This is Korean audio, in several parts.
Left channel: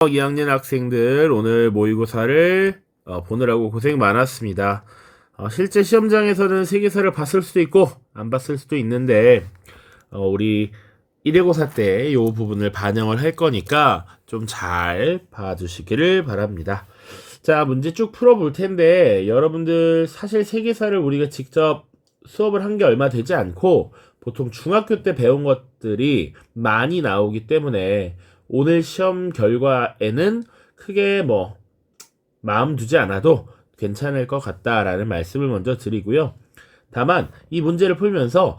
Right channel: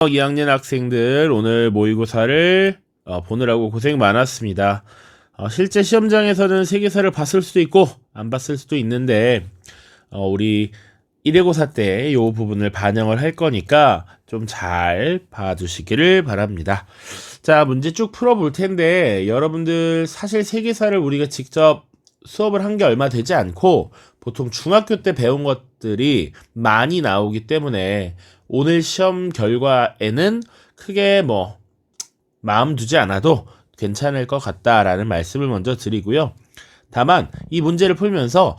2학년 학생들 오늘 모의고사를 보느라고 고생 많았습니다. 실제 시험장에서는 세계사를 봤을 수도 있고 안 봤을 수도 있는데 우리 1회고사 때 이 부분을 반영을 할 거니까 좀 잘 봐주시기를 바랍니다. 자, 문제 쭉 풀어볼 텐데 여러분들 사실 세계사를 우리가 직접 수업을 한 게 얼마 되지 않고 보통 중학교 때 배운 것들이 많이 나오기 때문에 오늘 시험 결과에는 크게 마음 두지 않아도 괜찮을 것 같다라는 말씀을 먼저 드리고요. 다만 이 문제를 풀면서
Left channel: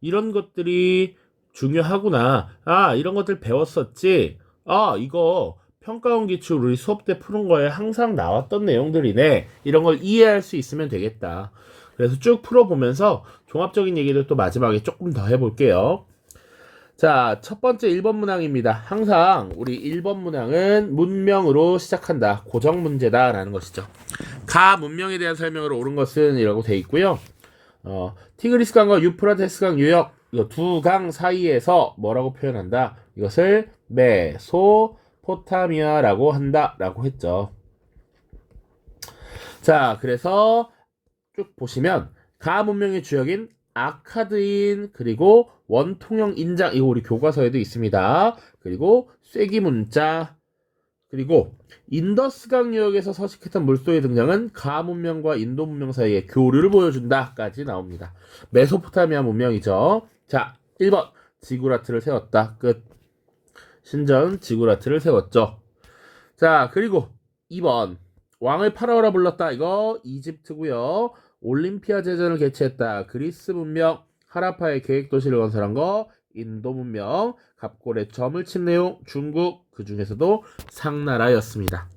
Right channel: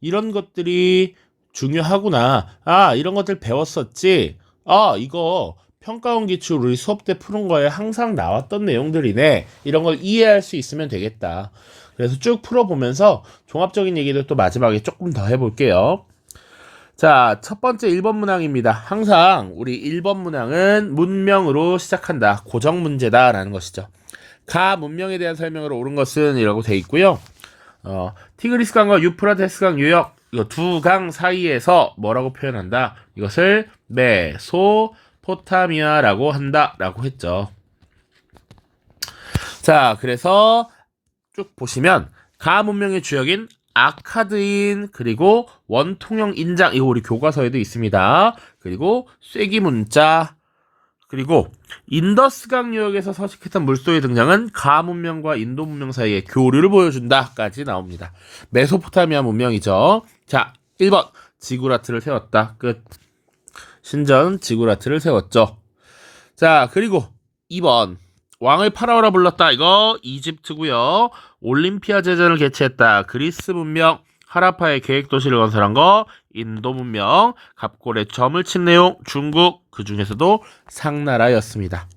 이런 것들이 중요하구나, 이런 것들 배웠었지, 이거 평가원 기출 우리 수업 때 푸는 거에 항상 나왔던 내용들이네, 이런 걸 이해할 수 있으면 되겠다. 그래서 쭉 풀어보면서 종합적인 얘기를 또 마지막에 조금 더 해볼게요. 자, 첫 번째 1번 문항입니다. 항상 우리 1번 문항은 문명으로 시작한다. 고정 문제다 라는 것이죠. 가 문명에 대한 설명으로 옳은 것은 이라고 돼 있고요. 티그리스 강과 유프라테스 강 유역, 이거 두 강 사이에서 뭐라고 표현한다? 이것을 메소포타미아라고 한다 라고 했죠. 자, 그래서 쭉 보시면 가 문명의 주역인 아카드인, 그리고 원통형 인장, 이거 우리 교과서에도 있습니다. 그리고 쐐기 문자, 그리고 인더스강 유역에서 서식했던 물소의 등장은 가 문명과 인도 문명 사이의 교류를 보여준다까지 나옵니다. 메소포타미아 문명이죠. 자, 1번 지구라트를 세웠다. 끝. 신전 지구라트를 세웠죠. 자, 그리고 2번 왕을 파라오라 불렀다. 이거 이집트고요. 올림피아 제전을 개최했다. 그리스 문명. 하라파의 계획도시를 건설한 거 인도 문명. 갑골에 점을 친 내용 중국, 그 중에서도 상나라였습니다.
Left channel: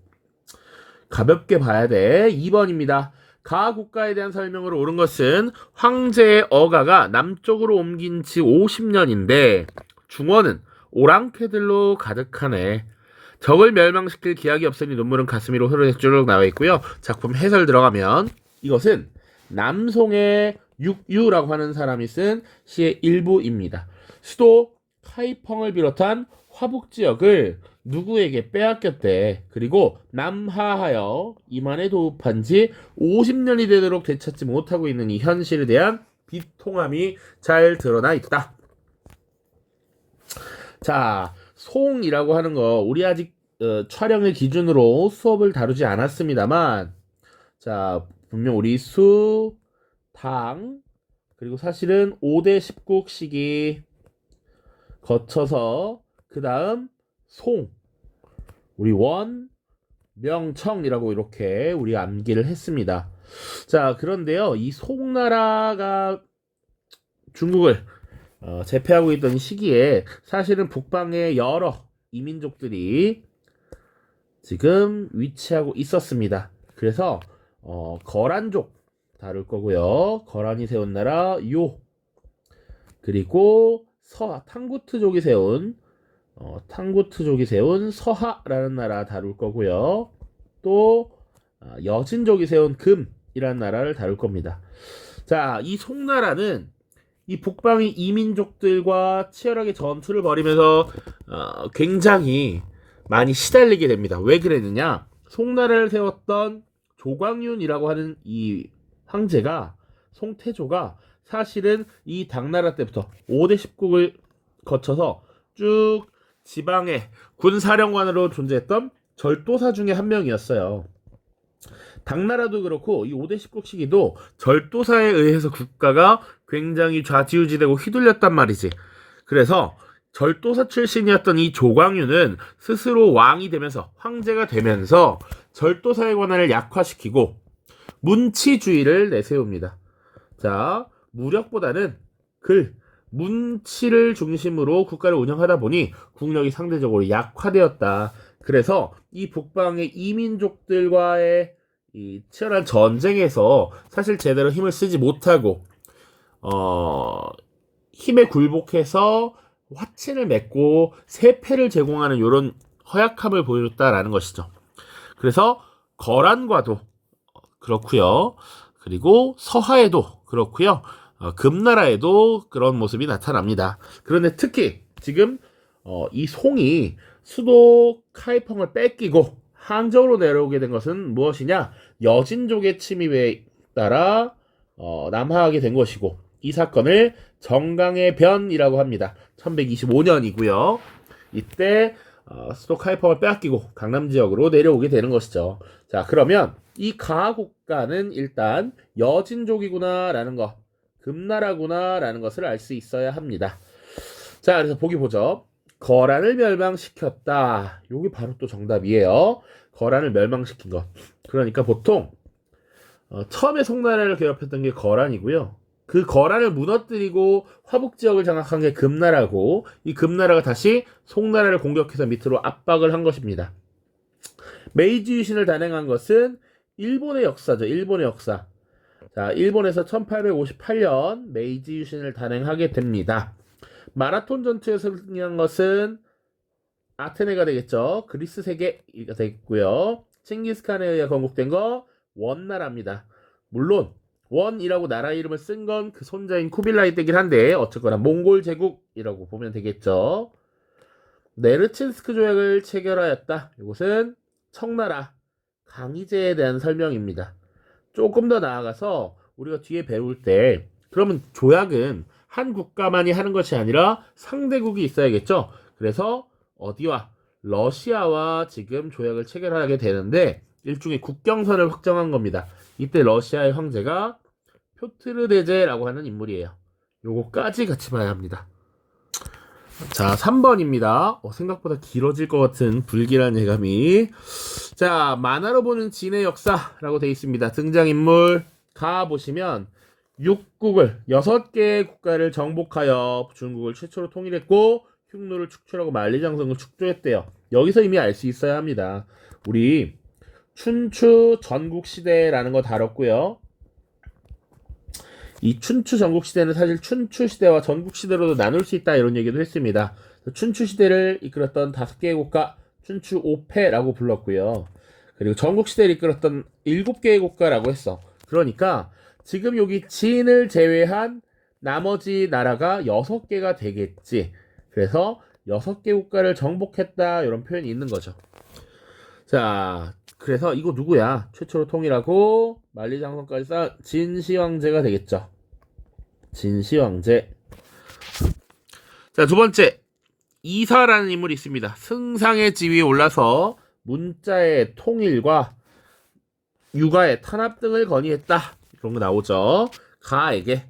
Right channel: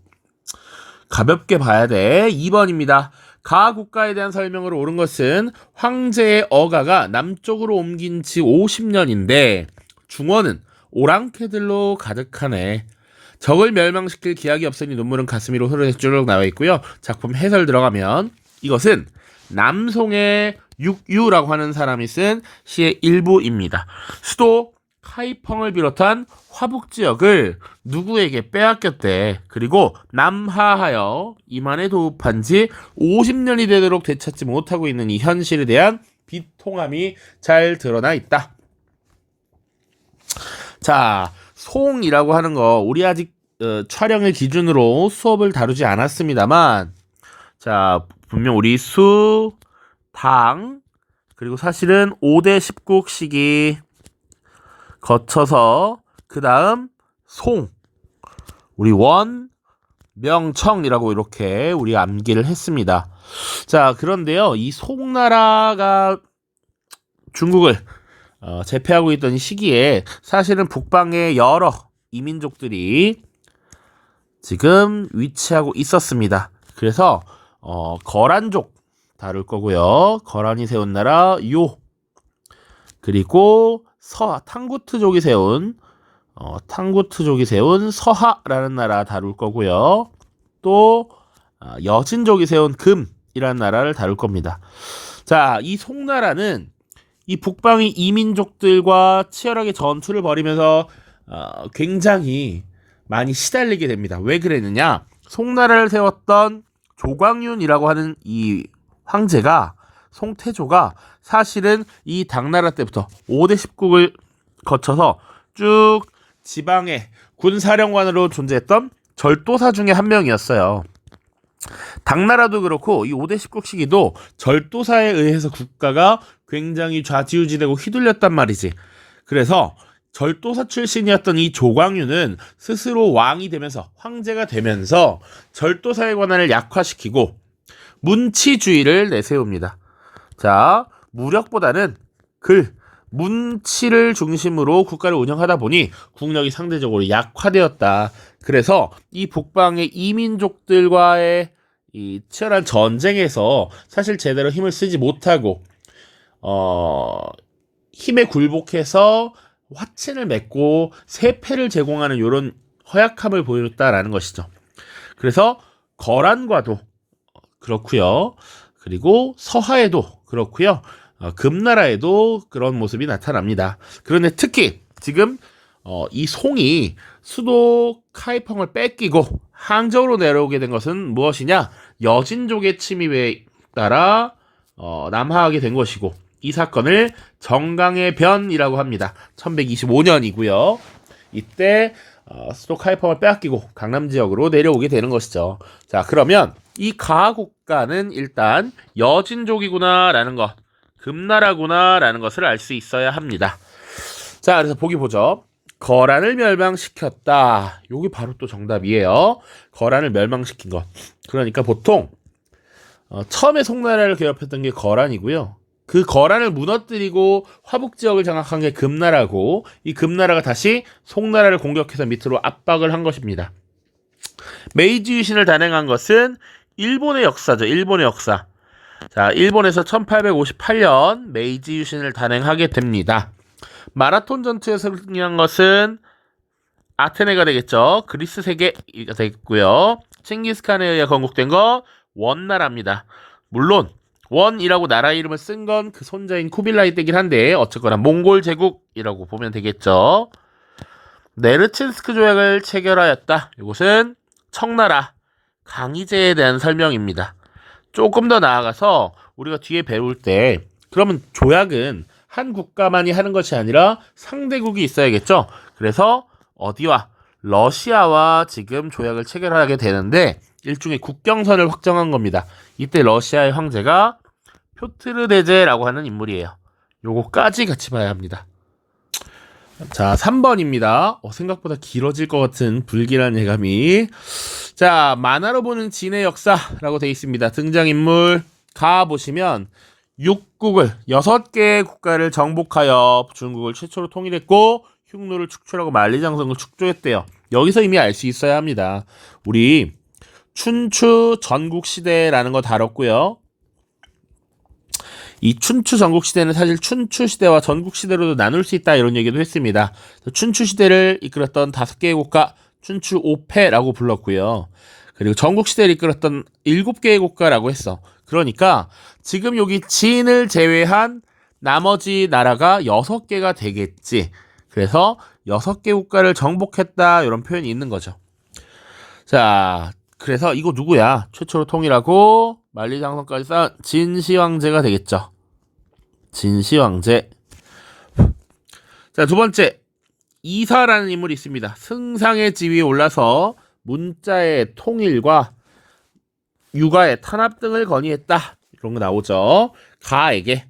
가볍게 봐야 돼. 2번입니다. 가 국가에 대한 설명으로 옳은 것은 황제의 어가가 남쪽으로 옮긴 지 50년인데 중원은 오랑캐들로 가득하네. 적을 멸망시킬 기약이 없으니 눈물은 가슴 위로 흐르는 쭉 나와 있고요. 작품 해설 들어가면 이것은 남송의 육유라고 하는 사람이 쓴 시의 일부입니다. 수도 카이펑을 비롯한 화북 지역을 누구에게 빼앗겼대. 그리고 남하하여 이만에 도읍한 지 50년이 되도록 되찾지 못하고 있는 이 현실에 대한 비통함이 잘 드러나 있다. 자, 송이라고 하는 거 우리 아직 촬영을 기준으로 수업을 다루지 않았습니다만, 자, 분명 우리 수, 당, 그리고 사실은 5대 19국식이 거쳐서 그 다음 송, 우리 원, 명청이라고 이렇게 우리 암기를 했습니다. 자, 그런데요, 이 송나라가 중국을 제패하고 있던 시기에 사실은 북방의 여러 이민족들이 지금 위치하고 있었습니다. 그래서 거란족 다룰 거고요. 거란이 세운 나라 요, 그리고 탕구트족이 세운 서하라는 나라 다룰 거고요. 또 여진족이 세운 금이라는 나라를 다룰 겁니다. 자, 이 송나라는 이 북방의 이민족들과 치열하게 전투를 벌이면서 굉장히 많이 시달리게 됩니다. 왜 그랬느냐? 송나라를 세웠던 조광윤이라고 하는 이 황제가, 송태조가 사실은 이 당나라 때부터 5대 10국을 거쳐서 쭉 지방의 군사령관으로 존재했던 절도사 중에 한 명이었어요. 당나라도 그렇고 이 5대 10국 시기도 절도사에 의해서 국가가 굉장히 좌지우지되고 휘둘렸단 말이지. 그래서 절도사 출신이었던 이 조광윤은 스스로 왕이 되면서, 황제가 되면서 절도사의 권한을 약화시키고 문치주의를 내세웁니다. 자, 무력보다는 문치를 중심으로 국가를 운영하다 보니 국력이 상대적으로 약화되었다. 그래서 이 북방의 이민족들과의 이 치열한 전쟁에서 사실 제대로 힘을 쓰지 못하고 힘에 굴복해서 화친을 맺고 세패를 제공하는 이런 허약함을 보였다라는 것이죠. 그래서 거란과도 그렇고요. 그리고 서하에도 그렇고요. 금나라에도 그런 모습이 나타납니다. 그런데 특히 지금 이 송이 수도 카이펑을 뺏기고 항저우로 내려오게 된 것은 무엇이냐? 여진족의 침입에 따라 남하하게 된 것이고, 이 사건을 정강의 변이라고 합니다. 1125년이고요. 이때 수도 카이펑을 빼앗기고 강남 지역으로 내려오게 되는 것이죠. 자, 그러면 이 가국가는 일단 여진족이구나 라는 것, 금나라구나 라는 것을 알 수 있어야 합니다. 자, 그래서 보기 보죠. 거란을 멸망시켰다. 요게 바로 또 정답이에요. 거란을 멸망시킨 것. 그러니까 보통 처음에 송나라를 개업했던 게 거란이고요. 그 거란을 무너뜨리고 화북 지역을 장악한 게 금나라고, 이 금나라가 다시 송나라를 공격해서 밑으로 압박을 한 것입니다. 메이지 유신을 단행한 것은 일본의 역사죠. 일본의 역사. 자, 일본에서 1858년 메이지 유신을 단행하게 됩니다. 마라톤 전투에서 승리한 것은 아테네가 되겠죠. 그리스 세계가 되겠고요. 칭기스칸에 의해 건국된 거 원나라입니다. 물론 원이라고 나라 이름을 쓴 건 그 손자인 쿠빌라이 때긴 한데 어쨌거나 몽골 제국이라고 보면 되겠죠. 네르친스크 조약을 체결하였다. 이것은 청나라 강희제에 대한 설명입니다. 조금 더 나아가서 우리가 뒤에 배울 때 그러면 조약은 한 국가만이 하는 것이 아니라 상대국이 있어야겠죠. 그래서 어디와? 러시아와 지금 조약을 체결하게 되는데 일종의 국경선을 확정한 겁니다. 이때 러시아의 황제가 표트르 대제라고 하는 인물이에요. 요거까지 같이 봐야 합니다. 자, 3번입니다. 생각보다 길어질 것 같은 불길한 예감이. 자, 만화로 보는 진의 역사라고 되어 있습니다. 등장인물 가보시면 6개의 국가를 정복하여 중국을 최초로 통일했고 흉노를 축출하고 만리장성을 축조했대요. 여기서 이미 알 수 있어야 합니다. 우리 춘추 전국시대라는 거 다뤘고요. 이 춘추 전국시대는 사실 춘추시대와 전국시대로도 나눌 수 있다 이런 얘기도 했습니다. 춘추시대를 이끌었던 5개의 국가 춘추 5패라고 불렀고요. 그리고 전국시대를 이끌었던 7개의 국가라고 했어. 그러니까 지금 여기 진을 제외한 나머지 나라가 6개가 되겠지. 그래서 6개 국가를 정복했다 이런 표현이 있는 거죠. 자, 그래서 이거 누구야? 최초로 통일하고 만리장성까지 쌓은 진시황제가 되겠죠. 진시황제. 자, 두 번째 이사라는 인물이 있습니다. 승상의 지위에 올라서 문자의 통일과 육아의 탄압 등을 건의했다. 이런 거 나오죠. 가에게.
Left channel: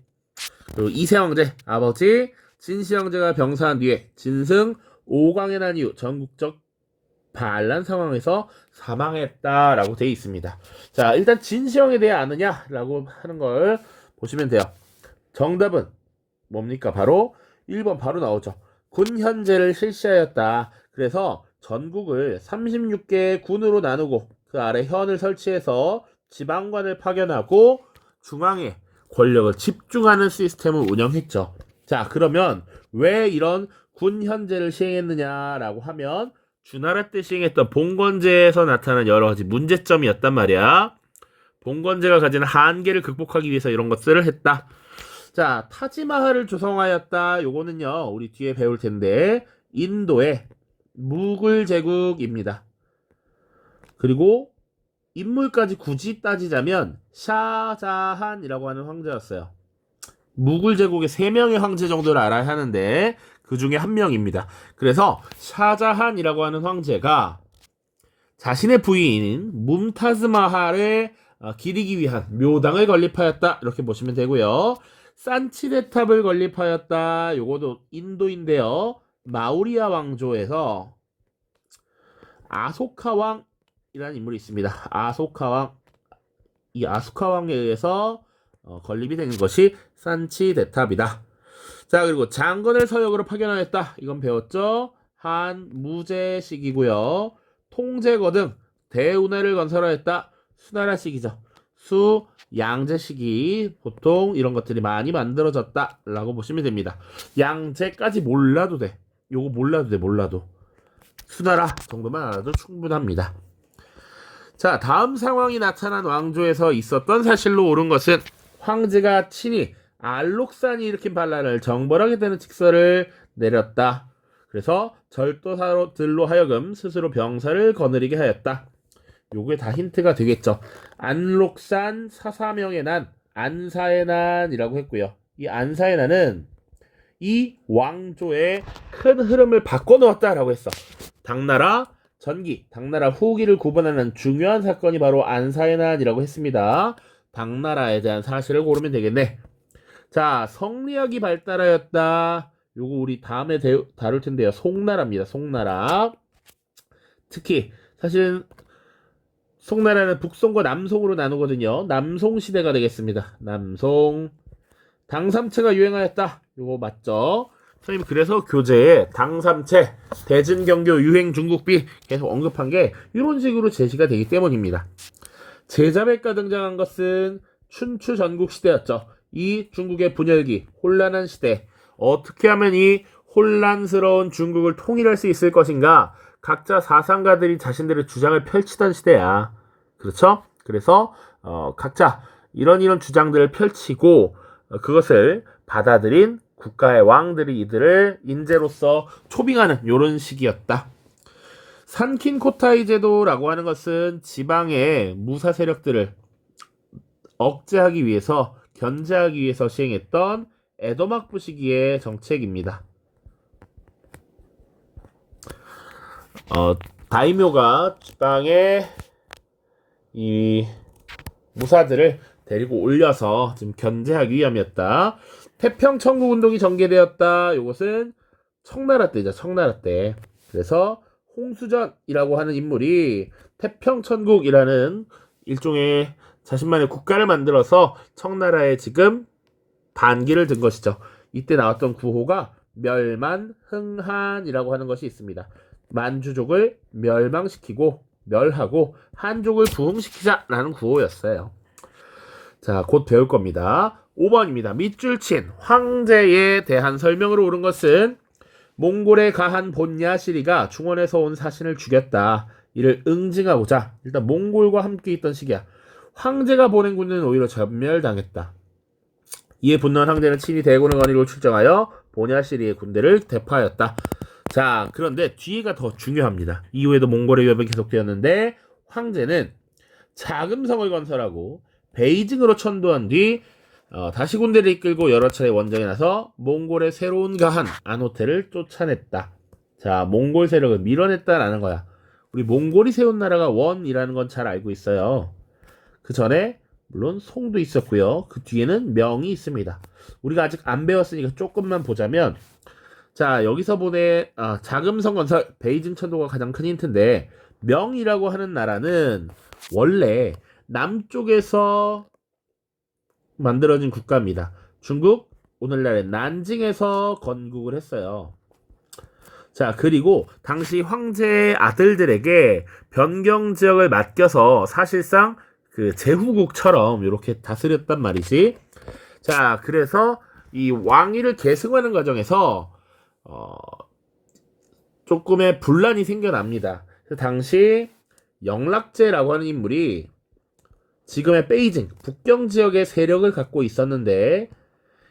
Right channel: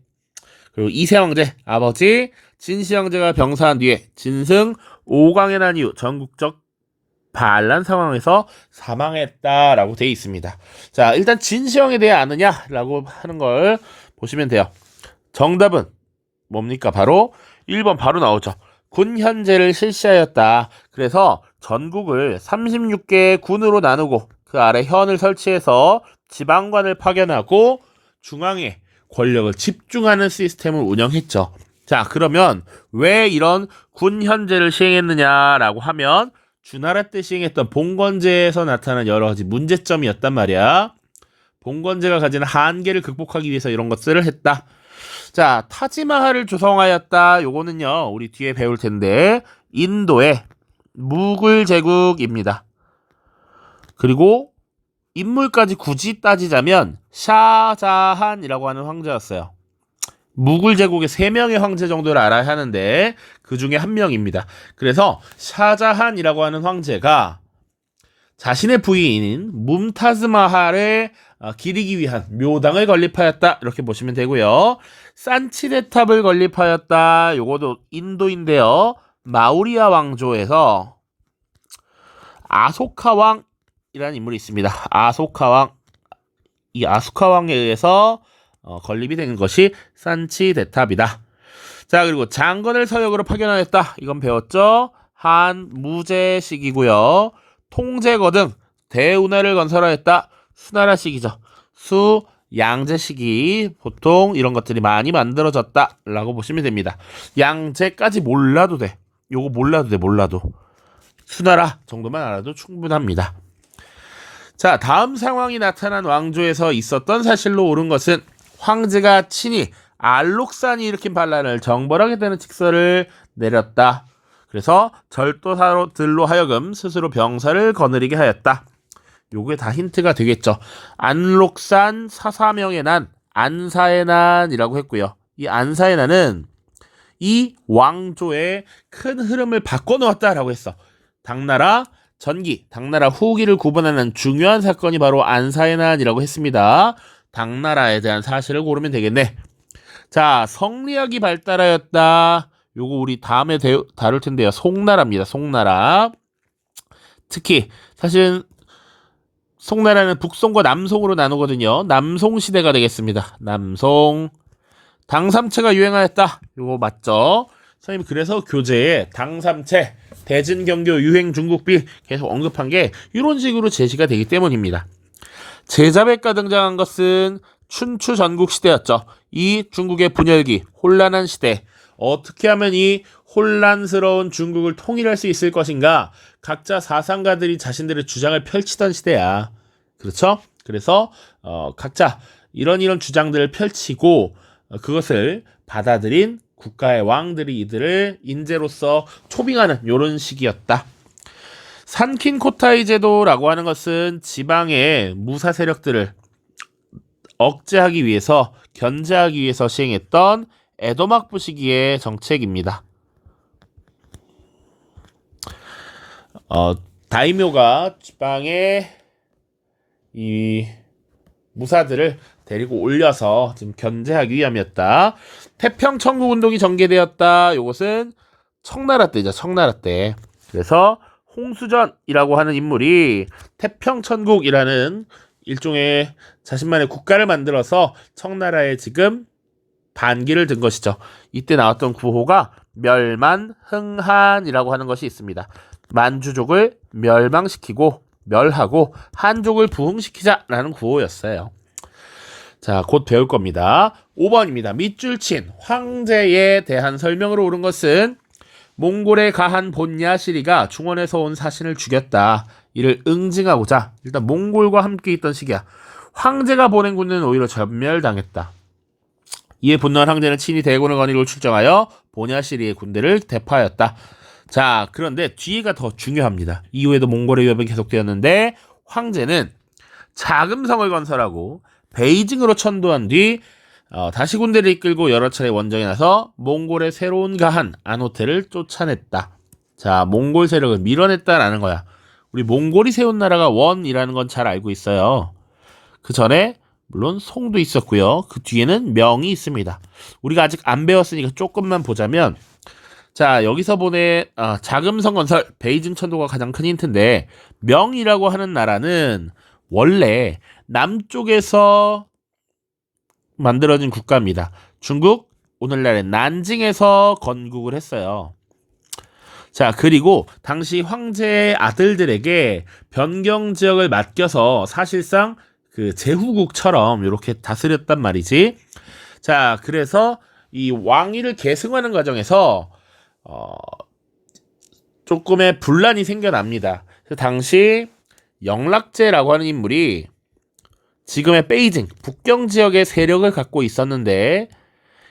그리고 이세황제 아버지 진시황제가 병사한 뒤에 진승 5강에 난 이후 전국적 반란 상황에서 사망했다라고 되어 있습니다. 자, 일단 진시황에 대해 아느냐라고 하는 걸 보시면 돼요. 정답은 뭡니까? 바로 1번 바로 나오죠. 군현제를 실시하였다. 그래서 전국을 36개의 군으로 나누고 그 아래 현을 설치해서 지방관을 파견하고 중앙에 권력을 집중하는 시스템을 운영했죠. 자, 그러면 왜 이런 군현제를 시행했느냐라고 하면 주나라 때 시행했던 봉건제에서 나타난 여러 가지 문제점이었단 말이야. 봉건제가 가진 한계를 극복하기 위해서 이런 것들을 했다. 자, 타지마할을 조성하였다. 요거는요, 우리 뒤에 배울 텐데 인도의 무굴 제국입니다. 그리고 인물까지 굳이 따지자면 샤자한이라고 하는 황제였어요. 무굴 제국의 3명의 황제 정도를 알아야 하는데 그 중에 한 명입니다. 그래서 샤자한이라고 하는 황제가 자신의 부인인 뭄타즈 마할을 기리기 위한 묘당을 건립하였다. 이렇게 보시면 되고요. 산치네탑을 건립하였다. 요것도 인도인데요. 마우리아 왕조에서 아소카 왕이라는 인물이 있습니다. 아소카 왕. 이 아소카 왕에 의해서 건립이 된 것이 산치네탑이다. 자, 그리고 장건을 서역으로 파견하였다. 이건 배웠죠? 한무제식이고요. 통제거 등 대운하를 건설하였다. 수나라식이죠. 수양제식이 보통 이런 것들이 많이 만들어졌다라고 보시면 됩니다. 양제까지 몰라도 돼. 요거 몰라도 돼. 몰라도. 수나라 정도만 알아도 충분합니다. 자, 다음 상황이 나타난 왕조에서 있었던 사실로 옳은 것은 황제가 친히 알록산이 일으킨 반란을 정벌하게 되는 직서를 내렸다. 그래서 절도사들로 하여금 스스로 병사를 거느리게 하였다. 요게 다 힌트가 되겠죠. 안록산 사사명의 난, 안사의 난이라고 했고요. 이 안사의 난은 이 왕조의 큰 흐름을 바꿔놓았다라고 했어. 당나라 전기, 당나라 후기를 구분하는 중요한 사건이 바로 안사의 난이라고 했습니다. 당나라에 대한 사실을 고르면 되겠네. 자, 성리학이 발달하였다. 요거 우리 다음에 다룰 텐데요. 송나라입니다. 송나라. 특히 사실은 송나라는 북송과 남송으로 나누거든요. 남송 시대가 되겠습니다. 남송. 당삼채가 유행하였다. 요거 맞죠? 선생님 그래서 교재에 당삼채, 대진경교 유행 중국비 계속 언급한 게 이런 식으로 제시가 되기 때문입니다. 제자백가 등장한 것은 춘추 전국 시대였죠. 이 중국의 분열기, 혼란한 시대. 어떻게 하면 이 혼란스러운 중국을 통일할 수 있을 것인가? 각자 사상가들이 자신들의 주장을 펼치던 시대야. 그렇죠? 그래서 각자 이런 주장들을 펼치고 그것을 받아들인 국가의 왕들이 이들을 인재로서 초빙하는 이런 시기였다. 산킹코타이 제도라고 하는 것은 지방의 무사 세력들을 억제하기 위해서 견제하기 위해서 시행했던 에도막부 시기의 정책입니다. 다이묘가 지방의 이 무사들을 데리고 올려서 지금 견제하기 위함이었다. 태평천국 운동이 전개되었다. 이것은 청나라 때죠. 청나라 때. 그래서 홍수전이라고 하는 인물이 태평천국이라는 일종의 자신만의 국가를 만들어서 청나라에 지금 반기를 든 것이죠. 이때 나왔던 구호가 멸만흥한이라고 하는 것이 있습니다. 만주족을 멸망시키고 멸하고 한족을 부흥시키자라는 구호였어요. 자, 곧 배울 겁니다. 5번입니다. 밑줄친 황제에 대한 설명으로 옳은 것은 몽골에 가한 본야시리가 중원에서 온 사신을 죽였다. 이를 응징하고자 일단 몽골과 함께 있던 시기야. 황제가 보낸 군대는 오히려 전멸당했다. 이에 분노한 황제는 친히 대군을 거느리고 출정하여 본야시리의 군대를 대파하였다. 자, 그런데 뒤가 더 중요합니다. 이후에도 몽골의 위협이 계속되었는데 황제는 자금성을 건설하고 베이징으로 천도한 뒤 다시 군대를 이끌고 여러 차례 원정에 나서 몽골의 새로운 가한 안호테를 쫓아냈다. 자, 몽골 세력을 밀어냈다라는 거야. 우리 몽골이 세운 나라가 원이라는 건 잘 알고 있어요. 그 전에 물론 송도 있었고요. 그 뒤에는 명이 있습니다. 우리가 아직 안 배웠으니까 조금만 보자면, 자, 여기서 보내 자금성 건설 베이징 천도가 가장 큰 힌트인데, 명이라고 하는 나라는 원래 남쪽에서 만들어진 국가입니다. 중국 오늘날의 난징에서 건국을 했어요. 자, 그리고 당시 황제의 아들들에게 변경 지역을 맡겨서 사실상 그 제후국처럼 이렇게 다스렸단 말이지. 자, 그래서 이 왕위를 계승하는 과정에서 조금의 분란이 생겨납니다. 그 당시 영락제라고 하는 인물이 지금의 베이징 북경 지역의 세력을 갖고 있었는데,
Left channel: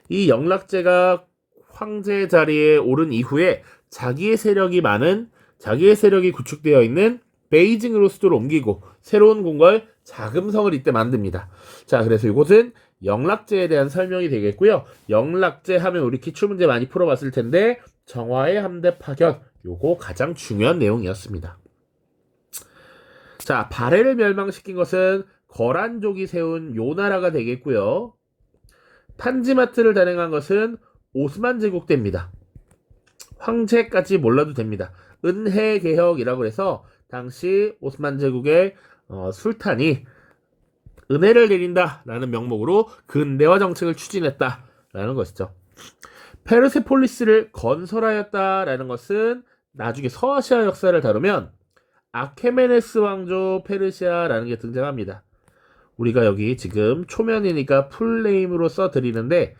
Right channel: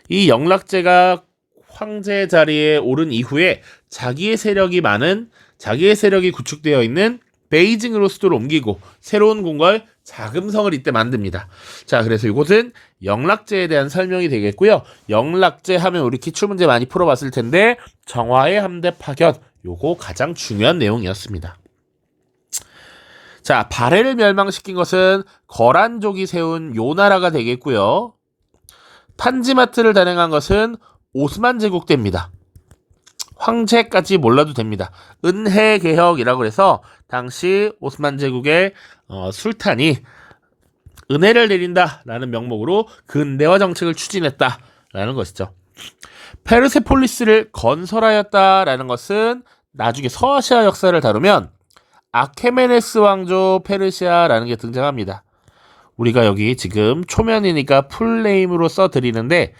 이 영락제가 황제 자리에 오른 이후에 자기의 세력이 구축되어 있는 베이징으로 수도를 옮기고 새로운 궁궐 자금성을 이때 만듭니다. 자, 그래서 이곳은 영락제에 대한 설명이 되겠고요. 영락제 하면 우리 기출문제 많이 풀어봤을 텐데 정화의 함대 파견, 요거 가장 중요한 내용이었습니다. 자, 발해를 멸망시킨 것은 거란족이 세운 요나라가 되겠고요. 탄지마트를 단행한 것은 오스만 제국 때입니다. 황제까지 몰라도 됩니다. 은혜개혁이라고 해서 당시 오스만 제국의 술탄이 은혜를 내린다라는 명목으로 근대화 정책을 추진했다라는 것이죠. 페르세폴리스를 건설하였다라는 것은 나중에 서아시아 역사를 다루면 아케메네스 왕조 페르시아라는 게 등장합니다. 우리가 여기 지금 초면이니까 풀네임으로 써드리는데,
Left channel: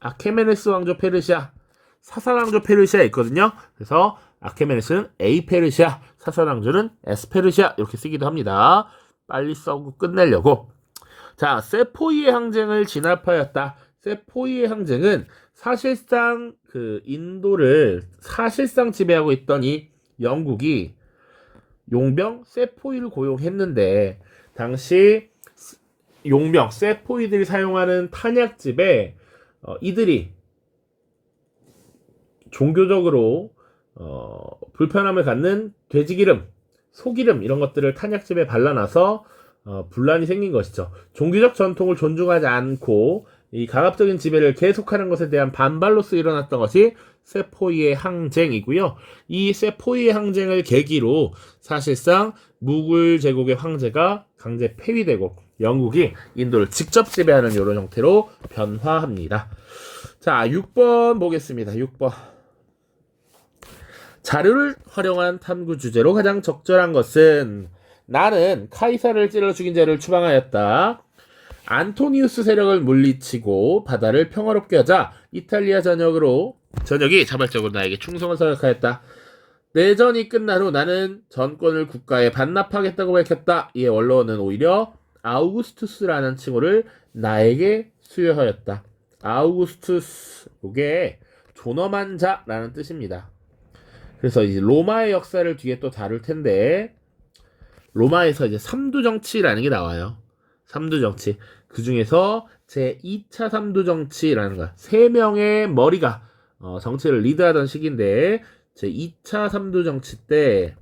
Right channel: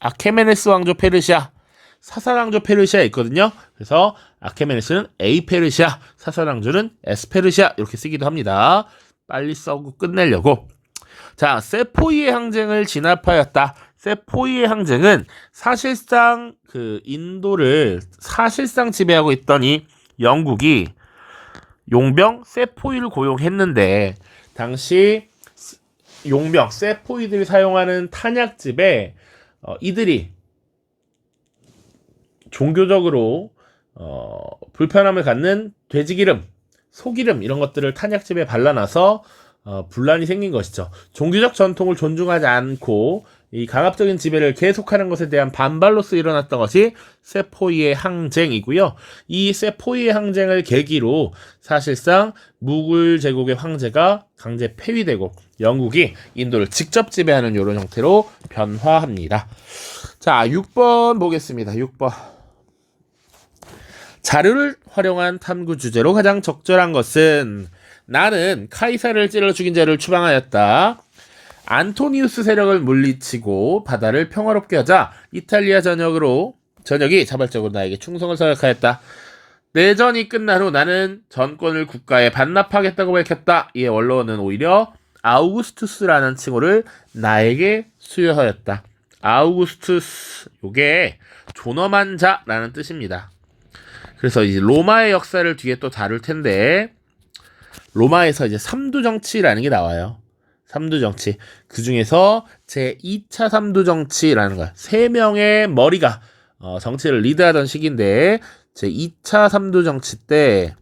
아케메네스 왕조 페르시아, 사사왕조 페르시아 있거든요. 그래서 아케메네스는 A 페르시아, 사사왕조는 S 페르시아 이렇게 쓰기도 합니다. 빨리 써고 끝내려고. 자, 세포이의 항쟁을 진압하였다. 세포이의 항쟁은 사실상 그 인도를 사실상 지배하고 있던 이 영국이 용병 세포이를 고용했는데 당시 용병 세포이들이 사용하는 탄약집에 이들이 종교적으로 불편함을 갖는 돼지기름, 소기름 이런 것들을 탄약집에 발라놔서 분란이 생긴 것이죠. 종교적 전통을 존중하지 않고 이 강압적인 지배를 계속하는 것에 대한 반발로서 일어났던 것이 세포이의 항쟁이고요. 이 세포이의 항쟁을 계기로 사실상 무굴 제국의 황제가 강제 폐위되고 영국이 인도를 직접 지배하는 이런 형태로 변화합니다. 자, 6번 보겠습니다. 6번. 자료를 활용한 탐구 주제로 가장 적절한 것은 나는 카이사를 찔러 죽인 자를 추방하였다. 안토니우스 세력을 물리치고 바다를 평화롭게 하자 이탈리아 전역이 자발적으로 나에게 충성을 서약하였다. 내전이 끝난 후 나는 전권을 국가에 반납하겠다고 밝혔다. 이에 원로는 오히려 아우구스투스라는 칭호를 나에게 수여하였다. 아우구스투스, 요게 존엄한 자라는 뜻입니다. 그래서 이제 로마의 역사를 뒤에 또 다룰 텐데 로마에서 이제 삼두정치라는 게 나와요. 삼두정치. 그 중에서 제 2차 삼두정치라는 거야. 3명의 머리가 정치를 리드하던 시기인데 제 2차 삼두정치 때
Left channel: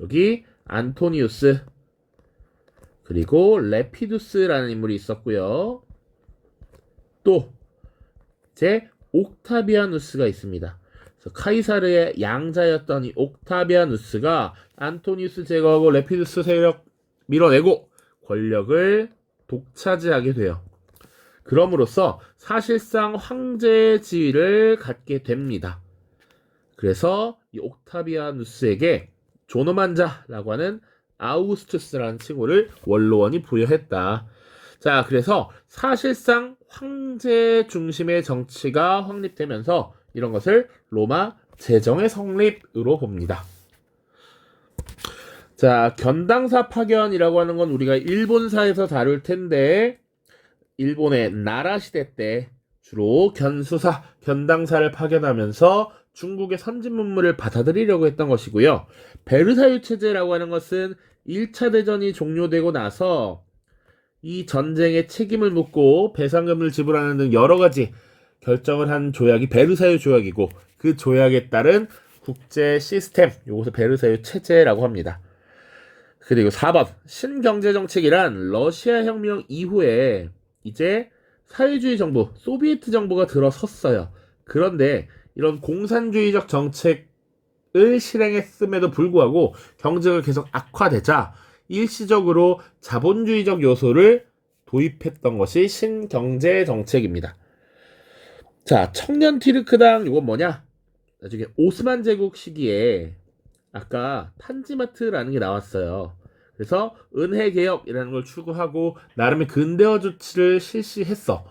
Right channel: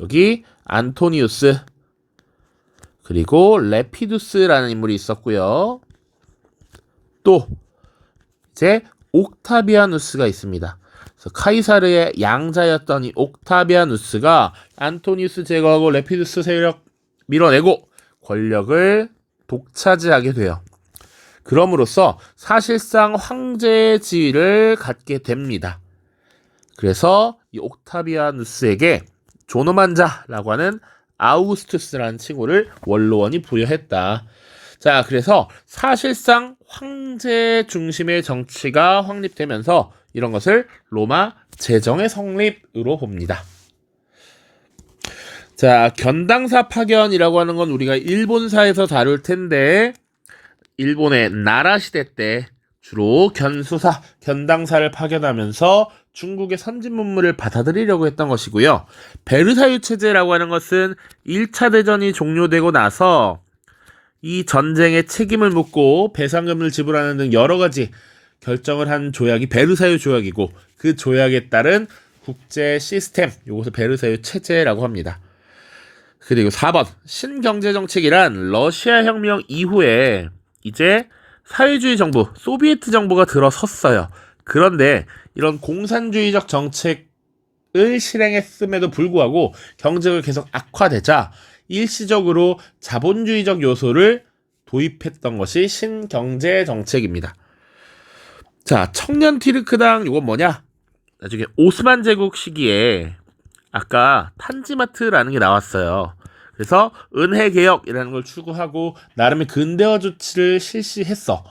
여기 안토니우스 그리고 레피두스라는 인물이 있었고요. 또 이제 옥타비아누스가 있습니다. 그래서 카이사르의 양자였던 이 옥타비아누스가 안토니우스 제거하고 레피두스 세력 밀어내고 권력을 독차지하게 돼요. 그럼으로써 사실상 황제의 지위를 갖게 됩니다. 그래서 이 옥타비아누스에게 존엄한 자라고 하는 아우구스투스라는 칭호를 원로원이 부여했다. 자, 그래서 사실상 황제 중심의 정치가 확립되면서 이런 것을 로마 제정의 성립으로 봅니다. 자, 견당사 파견이라고 하는 건 우리가 일본사에서 다룰 텐데 일본의 나라 시대 때 주로 견당사를 파견하면서 중국의 선진 문물을 받아들이려고 했던 것이고요. 베르사유 체제라고 하는 것은 1차 대전이 종료되고 나서 이 전쟁의 책임을 묻고 배상금을 지불하는 등 여러 가지 결정을 한 조약이 베르사유 조약이고 그 조약에 따른 국제 시스템, 이것을 베르사유 체제라고 합니다. 그리고 4번 신경제정책이란 러시아 혁명 이후에 이제 사회주의 정부, 소비에트 정부가 들어섰어요. 그런데 이런 공산주의적 정책을 실행했음에도 불구하고 경제가 계속 악화되자 일시적으로 자본주의적 요소를 도입했던 것이 신경제정책입니다. 자, 청년 티르크당 이건 뭐냐? 나중에 오스만 제국 시기에 아까 탄지마트라는 게 나왔어요. 그래서 은혜개혁이라는 걸 추구하고 나름의 근대화 조치를 실시했어.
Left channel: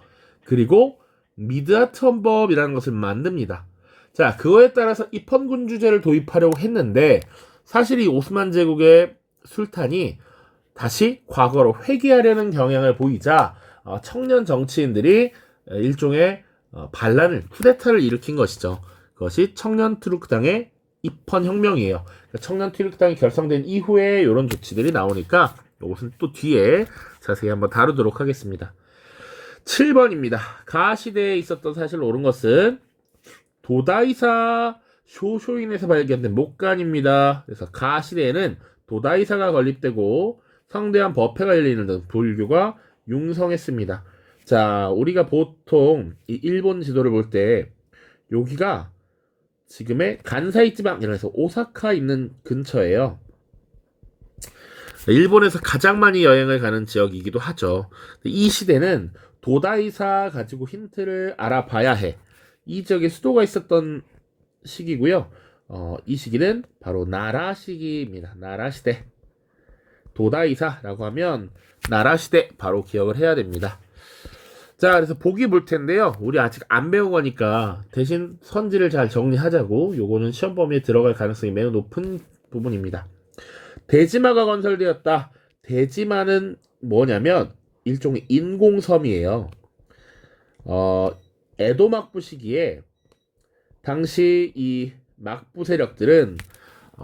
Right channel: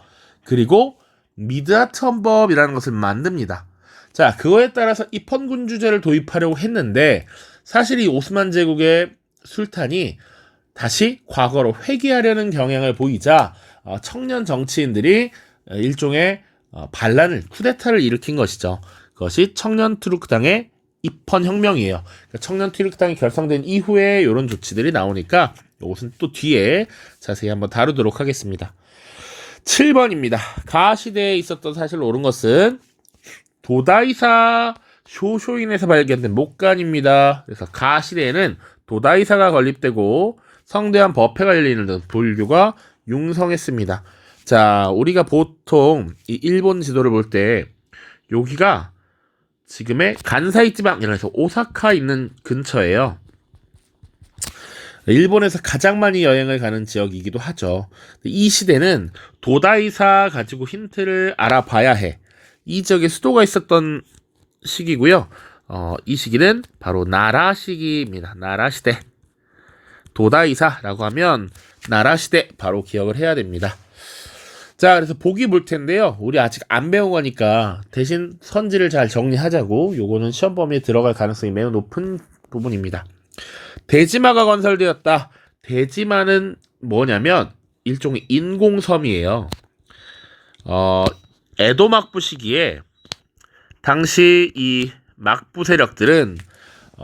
그리고 미드하트 헌법이라는 것을 만듭니다. 자, 그거에 따라서 입헌군주제를 도입하려고 했는데 사실 이 오스만 제국의 술탄이 다시 과거로 회귀하려는 경향을 보이자 청년 정치인들이 일종의 반란을, 쿠데타를 일으킨 것이죠. 그것이 청년 투르크당의 입헌혁명이에요. 그러니까 청년 투르크당이 결성된 이후에 이런 조치들이 나오니까 이것은 또 뒤에 자세히 한번 다루도록 하겠습니다. 7번입니다. 가 시대에 있었던 사실로 옳은 것은 도다이사 쇼쇼인에서 발견된 목간입니다. 그래서 가 시대에는 도다이사가 건립되고 성대한 법회가 열리는 등 불교가 융성했습니다. 자, 우리가 보통 이 일본 지도를 볼 때 여기가 지금의 간사이 지방이라고 해서 오사카 있는 근처예요. 일본에서 가장 많이 여행을 가는 지역이기도 하죠. 이 시대는 도다이사 가지고 힌트를 알아봐야 해. 이 지역에 수도가 있었던 시기고요. 이 시기는 바로 나라 시기입니다. 나라 시대. 도다이사라고 하면 나라 시대 바로 기억을 해야 됩니다. 자, 그래서 보기 볼 텐데요. 우리 아직 안 배운 거니까 대신 선지를 잘 정리하자고. 요거는 시험 범위에 들어갈 가능성이 매우 높은 부분입니다. 대지마가 건설되었다. 대지마는 뭐냐면 일종의 인공섬이에요. 어, 에도 막부 시기에 당시 이 막부 세력들은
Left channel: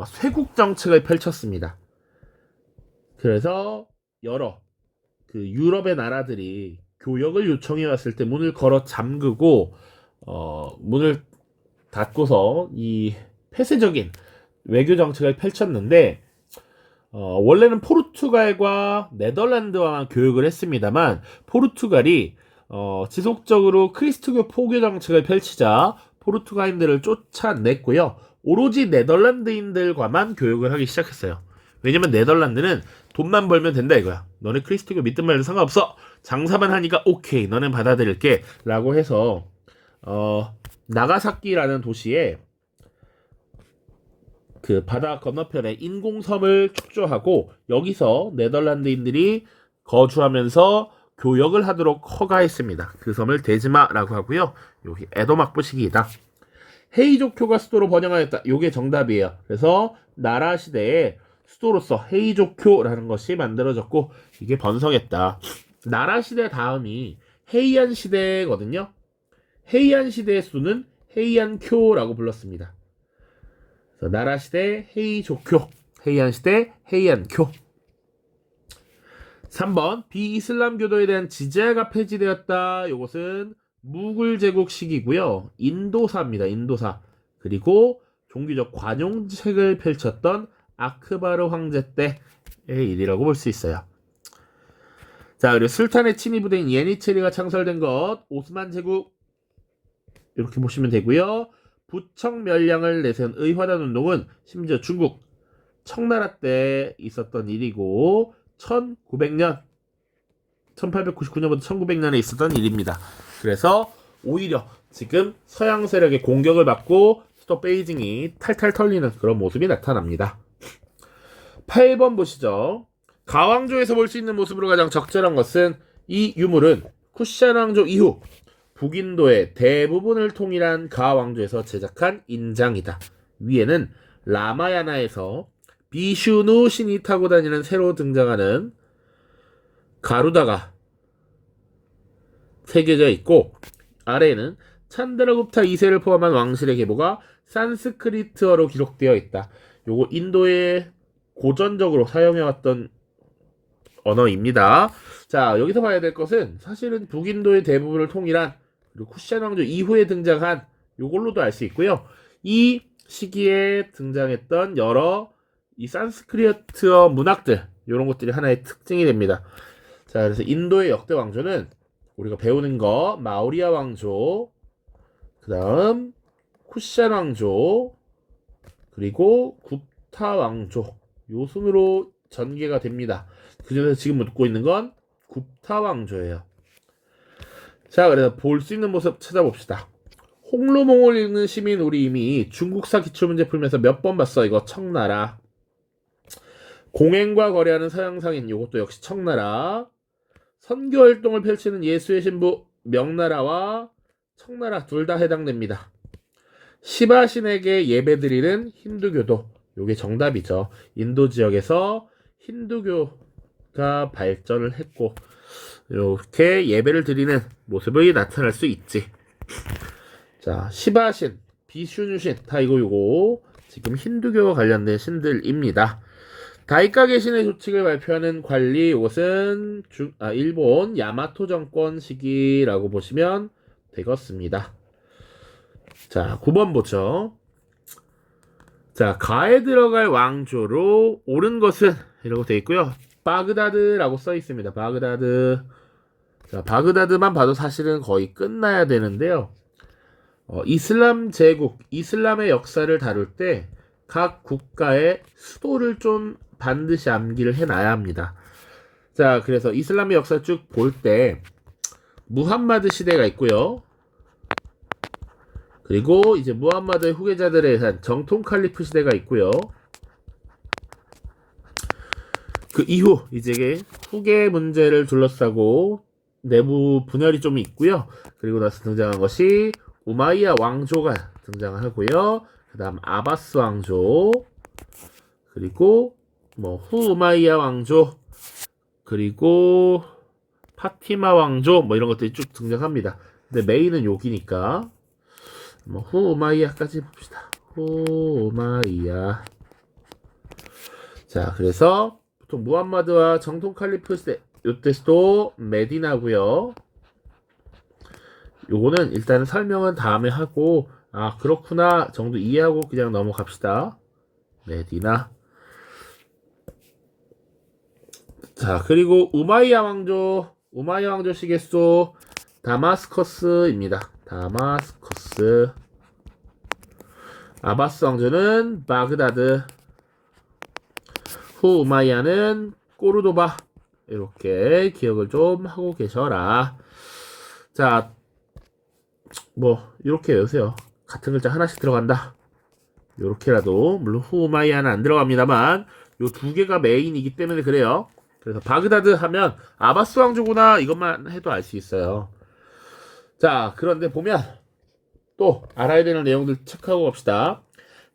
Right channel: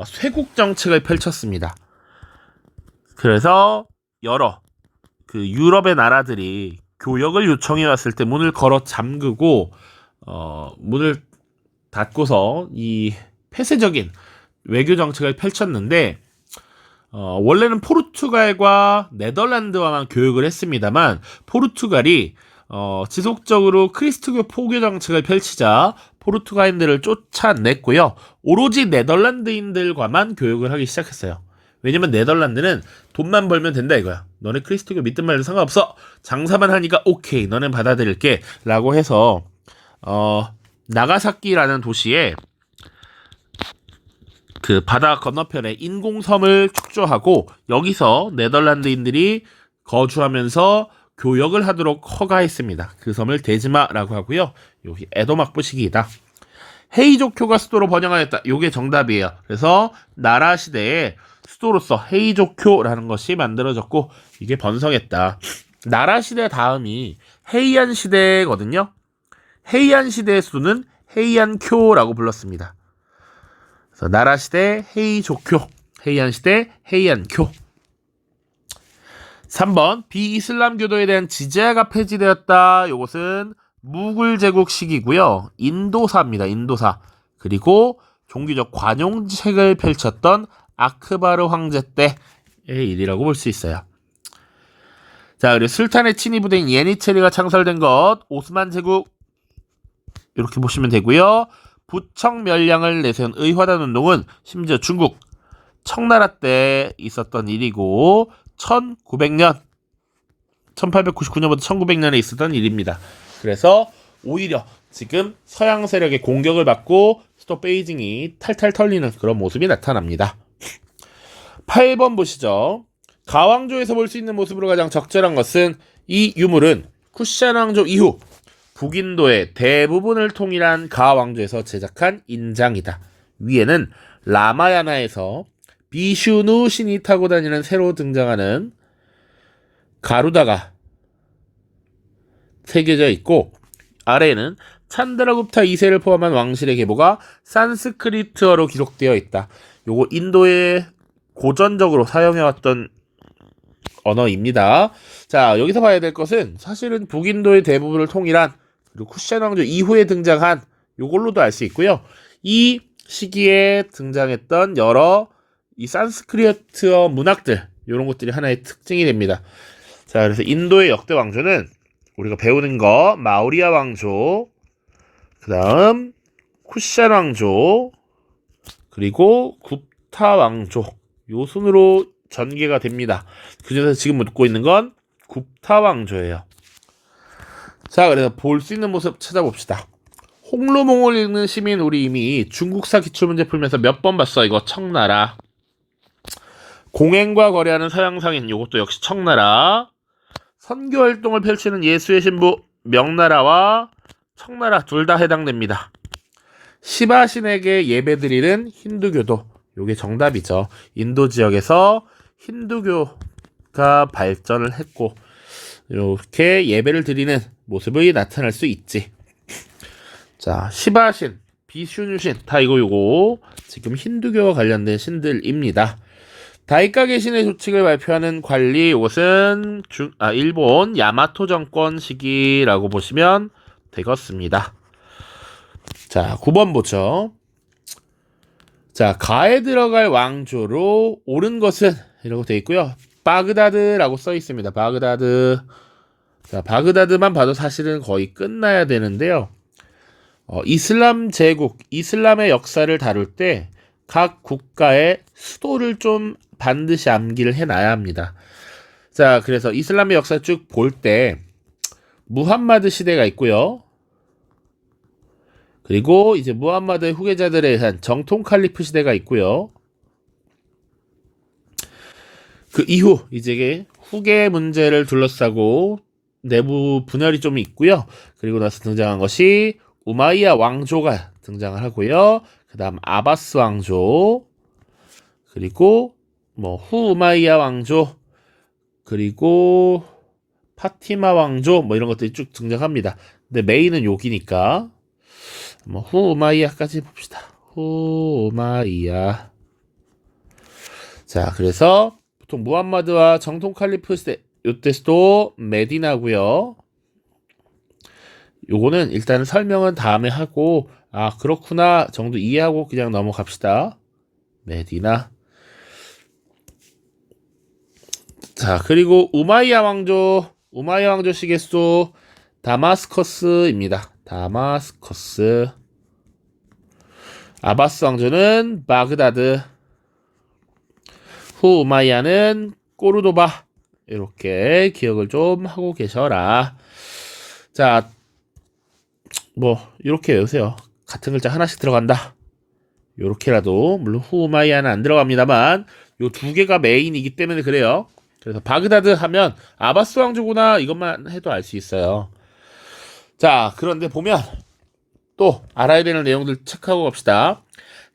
쇄국 정책을 펼쳤습니다. 그래서 여러 그 유럽의 나라들이 교역을 요청해 왔을 때 문을 걸어 잠그고 문을 닫고서 이 폐쇄적인 외교 정책을 펼쳤는데 원래는 포르투갈과 네덜란드와만 교역을 했습니다만 포르투갈이 지속적으로 크리스트교 포교 정책을 펼치자 포르투갈인들을 쫓아냈고요. 오로지 네덜란드인들과만 교역을 하기 시작했어요. 왜냐면 네덜란드는 돈만 벌면 된다 이거야. 너네 크리스트교 믿든 말든 상관없어. 장사만 하니까 오케이. 너는 받아들일게. 라고 해서 나가사키라는 도시에 그 바다 건너편에 인공섬을 축조하고 여기서 네덜란드인들이 거주하면서 교역을 하도록 허가했습니다. 그 섬을 데즈마라고 하고요. 여기 에도 막부 시기이다. 헤이조쿄가 수도로 번영하였다. 요게 정답이에요. 그래서 나라 시대에 수도로서 헤이조쿄라는 것이 만들어졌고 이게 번성했다. 나라 시대 다음이 헤이안 시대거든요. 헤이안 시대의 수도는 헤이안쿄라고 불렀습니다. 그래서 나라 시대 헤이조쿄, 헤이안 시대 헤이안쿄. 3번 비이슬람교도에 대한 지제가 폐지되었다. 이것은 무굴 제국 시기고요. 인도사입니다. 인도사. 그리고 종교적 관용책을 펼쳤던 아크바르 황제 때의 일이라고 볼 수 있어요. 자, 그리고 술탄의 친위 부대인 예니체리가 창설된 것 오스만 제국 이렇게 보시면 되고요. 부청 멸량을 내세운 의화단 운동은 심지어 중국 청나라 때 있었던 일이고 1900년 1899년부터 1900년에 있었던 일입니다. 그래서 오히려 지금 서양 세력의 공격을 받고 수도 베이징이 탈탈 털리는 그런 모습이 나타납니다. 8번 보시죠. 가왕조에서 볼 수 있는 모습으로 가장 적절한 것은 이 유물은 쿠션 왕조 이후 북인도의 대부분을 통일한 가왕조에서 제작한 인장이다. 위에는 라마야나에서 비슈누 신이 타고 다니는 새로 등장하는 가루다가 새겨져 있고 아래에는 찬드라굽타 2세를 포함한 왕실의 계보가 산스크리트어로 기록되어 있다. 요거 인도에 고전적으로 사용해왔던 언어입니다. 자, 여기서 봐야 될 것은 사실은 북인도의 대부분을 통일한 그리고 쿠션 왕조 이후에 등장한 요걸로도 알 수 있고요. 이 시기에 등장했던 여러 이 산스크리트어 문학들 이런 것들이 하나의 특징이 됩니다. 자, 그래서 인도의 역대 왕조는 우리가 배우는 거 마우리아 왕조, 그 다음 쿠션 왕조, 그리고 굽타 왕조 요 순으로 전개가 됩니다. 그중에서 지금 묻고 있는 건 굽타 왕조예요. 자, 그래서 볼 수 있는 모습 찾아봅시다. 홍루몽을 읽는 시민 우리 이미 중국사 기출문제 풀면서 몇 번 봤어. 이거 청나라. 공행과 거래하는 서양상인 이것도 역시 청나라. 선교활동을 펼치는 예수의 신부 명나라와 청나라 둘 다 해당됩니다. 시바신에게 예배드리는 힌두교도 이게 정답이죠. 인도 지역에서 힌두교가 발전을 했고 이렇게 예배를 드리는 모습이 나타날 수 있지. 자, 시바신, 비슈누신 다 이거 지금 힌두교와 관련된 신들입니다. 다이카게 신의 조칙을 발표하는 관리 이것은 일본 야마토 정권 시기라고 보시면 되겠습니다. 자, 9번 보죠. 자, 가에 들어갈 왕조로 옳은 것은 이라고 되어 있고요. 바그다드라고 써 있습니다. 바그다드. 자, 바그다드만 봐도 사실은 거의 끝나야 되는데요. 이슬람 제국, 이슬람의 역사를 다룰 때 각 국가의 수도를 좀 반드시 암기를 해놔야 합니다. 자, 그래서 이슬람의 역사 쭉 볼 때 무함마드 시대가 있고요. 그리고 이제 무함마드의 후계자들에 의한 정통 칼리프 시대가 있고요. 그 이후 이제 후계 문제를 둘러싸고 내부 분열이 좀 있고요. 그리고 나서 등장한 것이 우마이야 왕조가 등장을 하고요. 그 다음 아바스 왕조, 그리고 후 우마이야 왕조, 그리고 파티마 왕조 이런 것들이 쭉 등장합니다. 근데 메인은 여기니까 뭐 후마이야까지 봅시다. 후마이야. 자, 그래서 보통 무함마드와 정통 칼리프 요때스도 메디나고요. 요거는 일단 설명은 다음에 하고 아 그렇구나 정도 이해하고 그냥 넘어갑시다. 메디나. 자, 그리고 우마이야 왕조 시계수 다마스커스입니다. 다마스커스. 아바스 왕조는 바그다드. 후 우마이야는 꼬르도바. 이렇게 기억을 좀 하고 계셔라. 자, 뭐 이렇게 외우세요. 같은 글자 하나씩 들어간다. 요렇게라도 물론 후 우마이야는 안 들어갑니다만 요 두 개가 메인이기 때문에 그래요. 그래서 바그다드 하면 아바스 왕조구나 이것만 해도 알 수 있어요. 자, 그런데 보면 또 알아야 되는 내용들 체크하고 갑시다.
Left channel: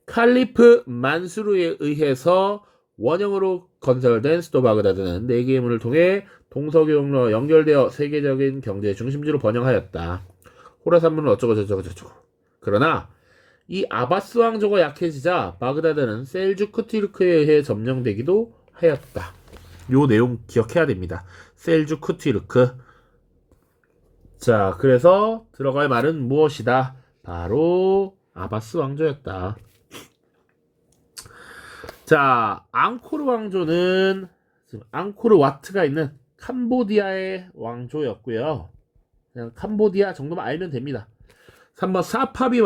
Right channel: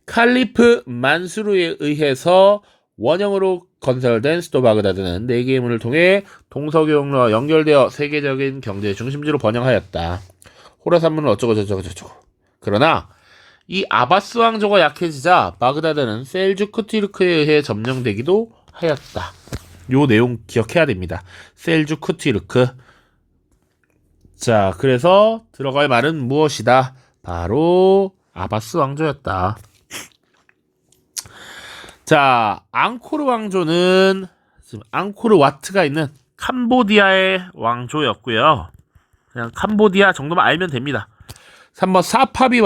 칼리프 만수르에 의해서 원형으로 건설된 수도 바그다드는 4개의 문을 통해 동서교역로와 연결되어 세계적인 경제의 중심지로 번영하였다. 호라산문은 어쩌고 저쩌고 저쩌고. 그러나 이 아바스 왕조가 약해지자 바그다드는 셀주크 튀르크에 의해 점령되기도 하였다. 요 내용 기억해야 됩니다. 셀주크 튀르크. 자, 그래서 들어갈 말은 무엇이다? 바로 아바스 왕조였다. 자, 앙코르 왕조는 지금 앙코르 와트가 있는 캄보디아의 왕조였고요. 그냥 캄보디아 정도만 알면 됩니다. 3번 사파비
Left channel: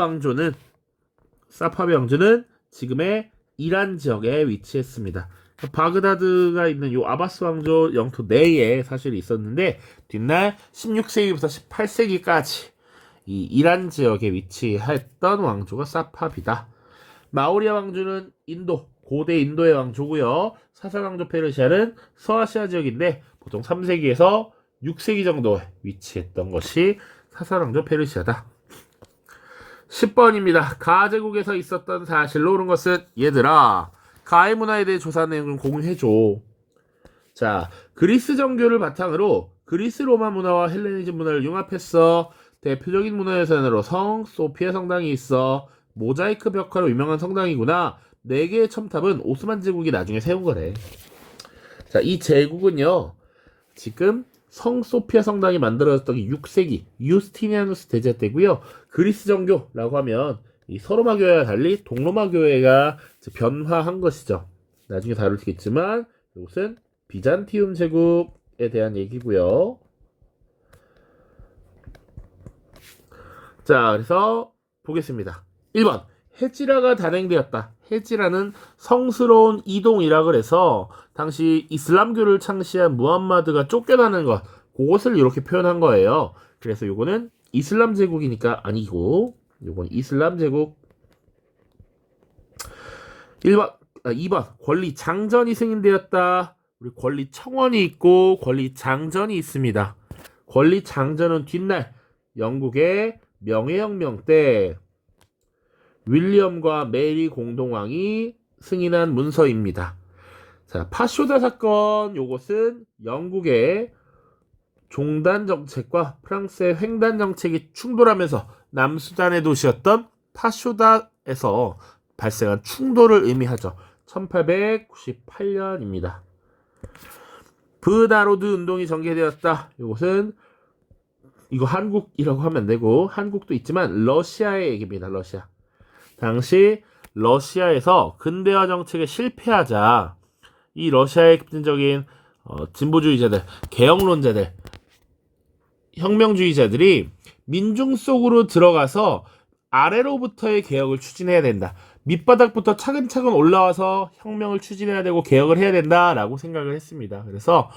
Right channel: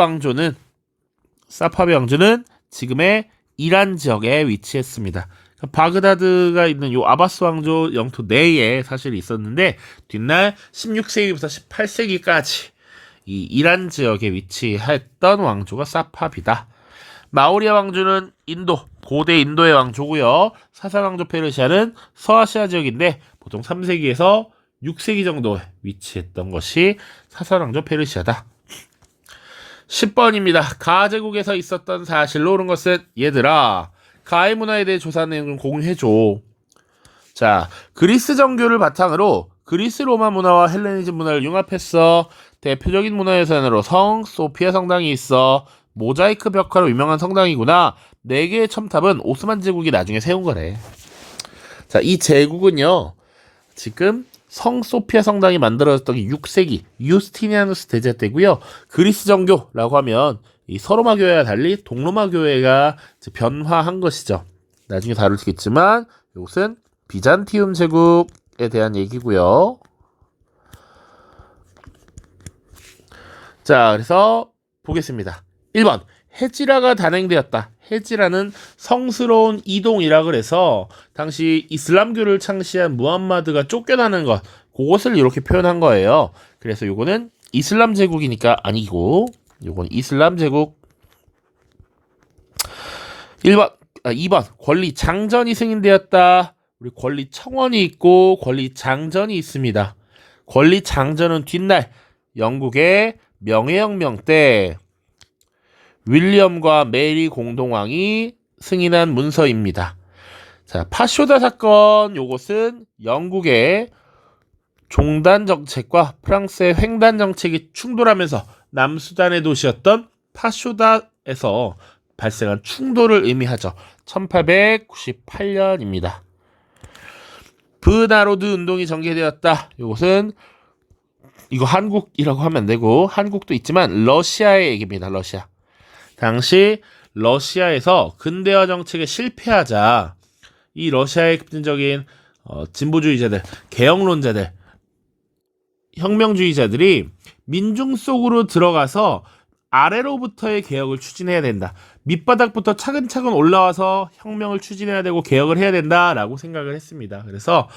왕조는 지금의 이란 지역에 위치했습니다. 바그다드가 있는 요 아바스 왕조 영토 내에 사실 있었는데 뒷날 16세기부터 18세기까지 이 이란 지역에 위치했던 왕조가 사파비다. 마오리아 왕조는 고대 인도의 왕조고요. 사사 왕조 페르시아는 서아시아 지역인데 보통 3세기에서 6세기 정도에 위치했던 것이 사사 왕조 페르시아다. 10번입니다. 가 제국에서 있었던 사실로 옳은 것은 얘들아 가의 문화에 대해 조사한 내용 좀 공유해줘. 자, 그리스 정교를 바탕으로 그리스 로마 문화와 헬레니즘 문화를 융합했어. 대표적인 문화유산으로 성 소피아 성당이 있어. 모자이크 벽화로 유명한 성당이구나. 4개의 첨탑은 오스만 제국이 나중에 세운 거래. 자, 이 제국은요 지금 성 소피아 성당이 만들어졌던 게 6세기 유스티니아누스 대제 때고요. 그리스 정교라고 하면 이 서로마 교회와 달리 동로마 교회가 변화한 것이죠. 나중에 다루겠지만 이것은 비잔티움 제국에 대한 얘기고요. 자, 그래서 보겠습니다. 1번 헤지라가 단행되었다. 헤지라는 성스러운 이동이라 그래서 당시 이슬람교를 창시한 무함마드가 쫓겨나는 것 그것을 이렇게 표현한 거예요. 그래서 요거는 이슬람 제국이니까 아니고 요건 이슬람 제국. 2번 권리 장전이 승인되었다. 우리 권리 청원이 있고 권리 장전이 있습니다. 권리 장전은 뒷날 영국의 명예혁명 때 윌리엄과 메리 공동왕이 승인한 문서입니다. 자, 파쇼다 사건 요것은 영국의 종단 정책과 프랑스의 횡단 정책이 충돌하면서 남수단의 도시였던 파쇼다에서 발생한 충돌을 의미하죠. 1898년입니다. 브나로드 운동이 전개되었다. 이것은 이거 한국이라고 하면 안 되고 한국도 있지만 러시아의 얘기입니다. 러시아. 당시 러시아에서 근대화 정책에 실패하자 이 러시아의 급진적인 진보주의자들, 개혁론자들, 혁명주의자들이 민중 속으로 들어가서 아래로부터의 개혁을 추진해야 된다. 밑바닥부터 차근차근 올라와서 혁명을 추진해야 되고 개혁을 해야 된다라고 생각을 했습니다. 그래서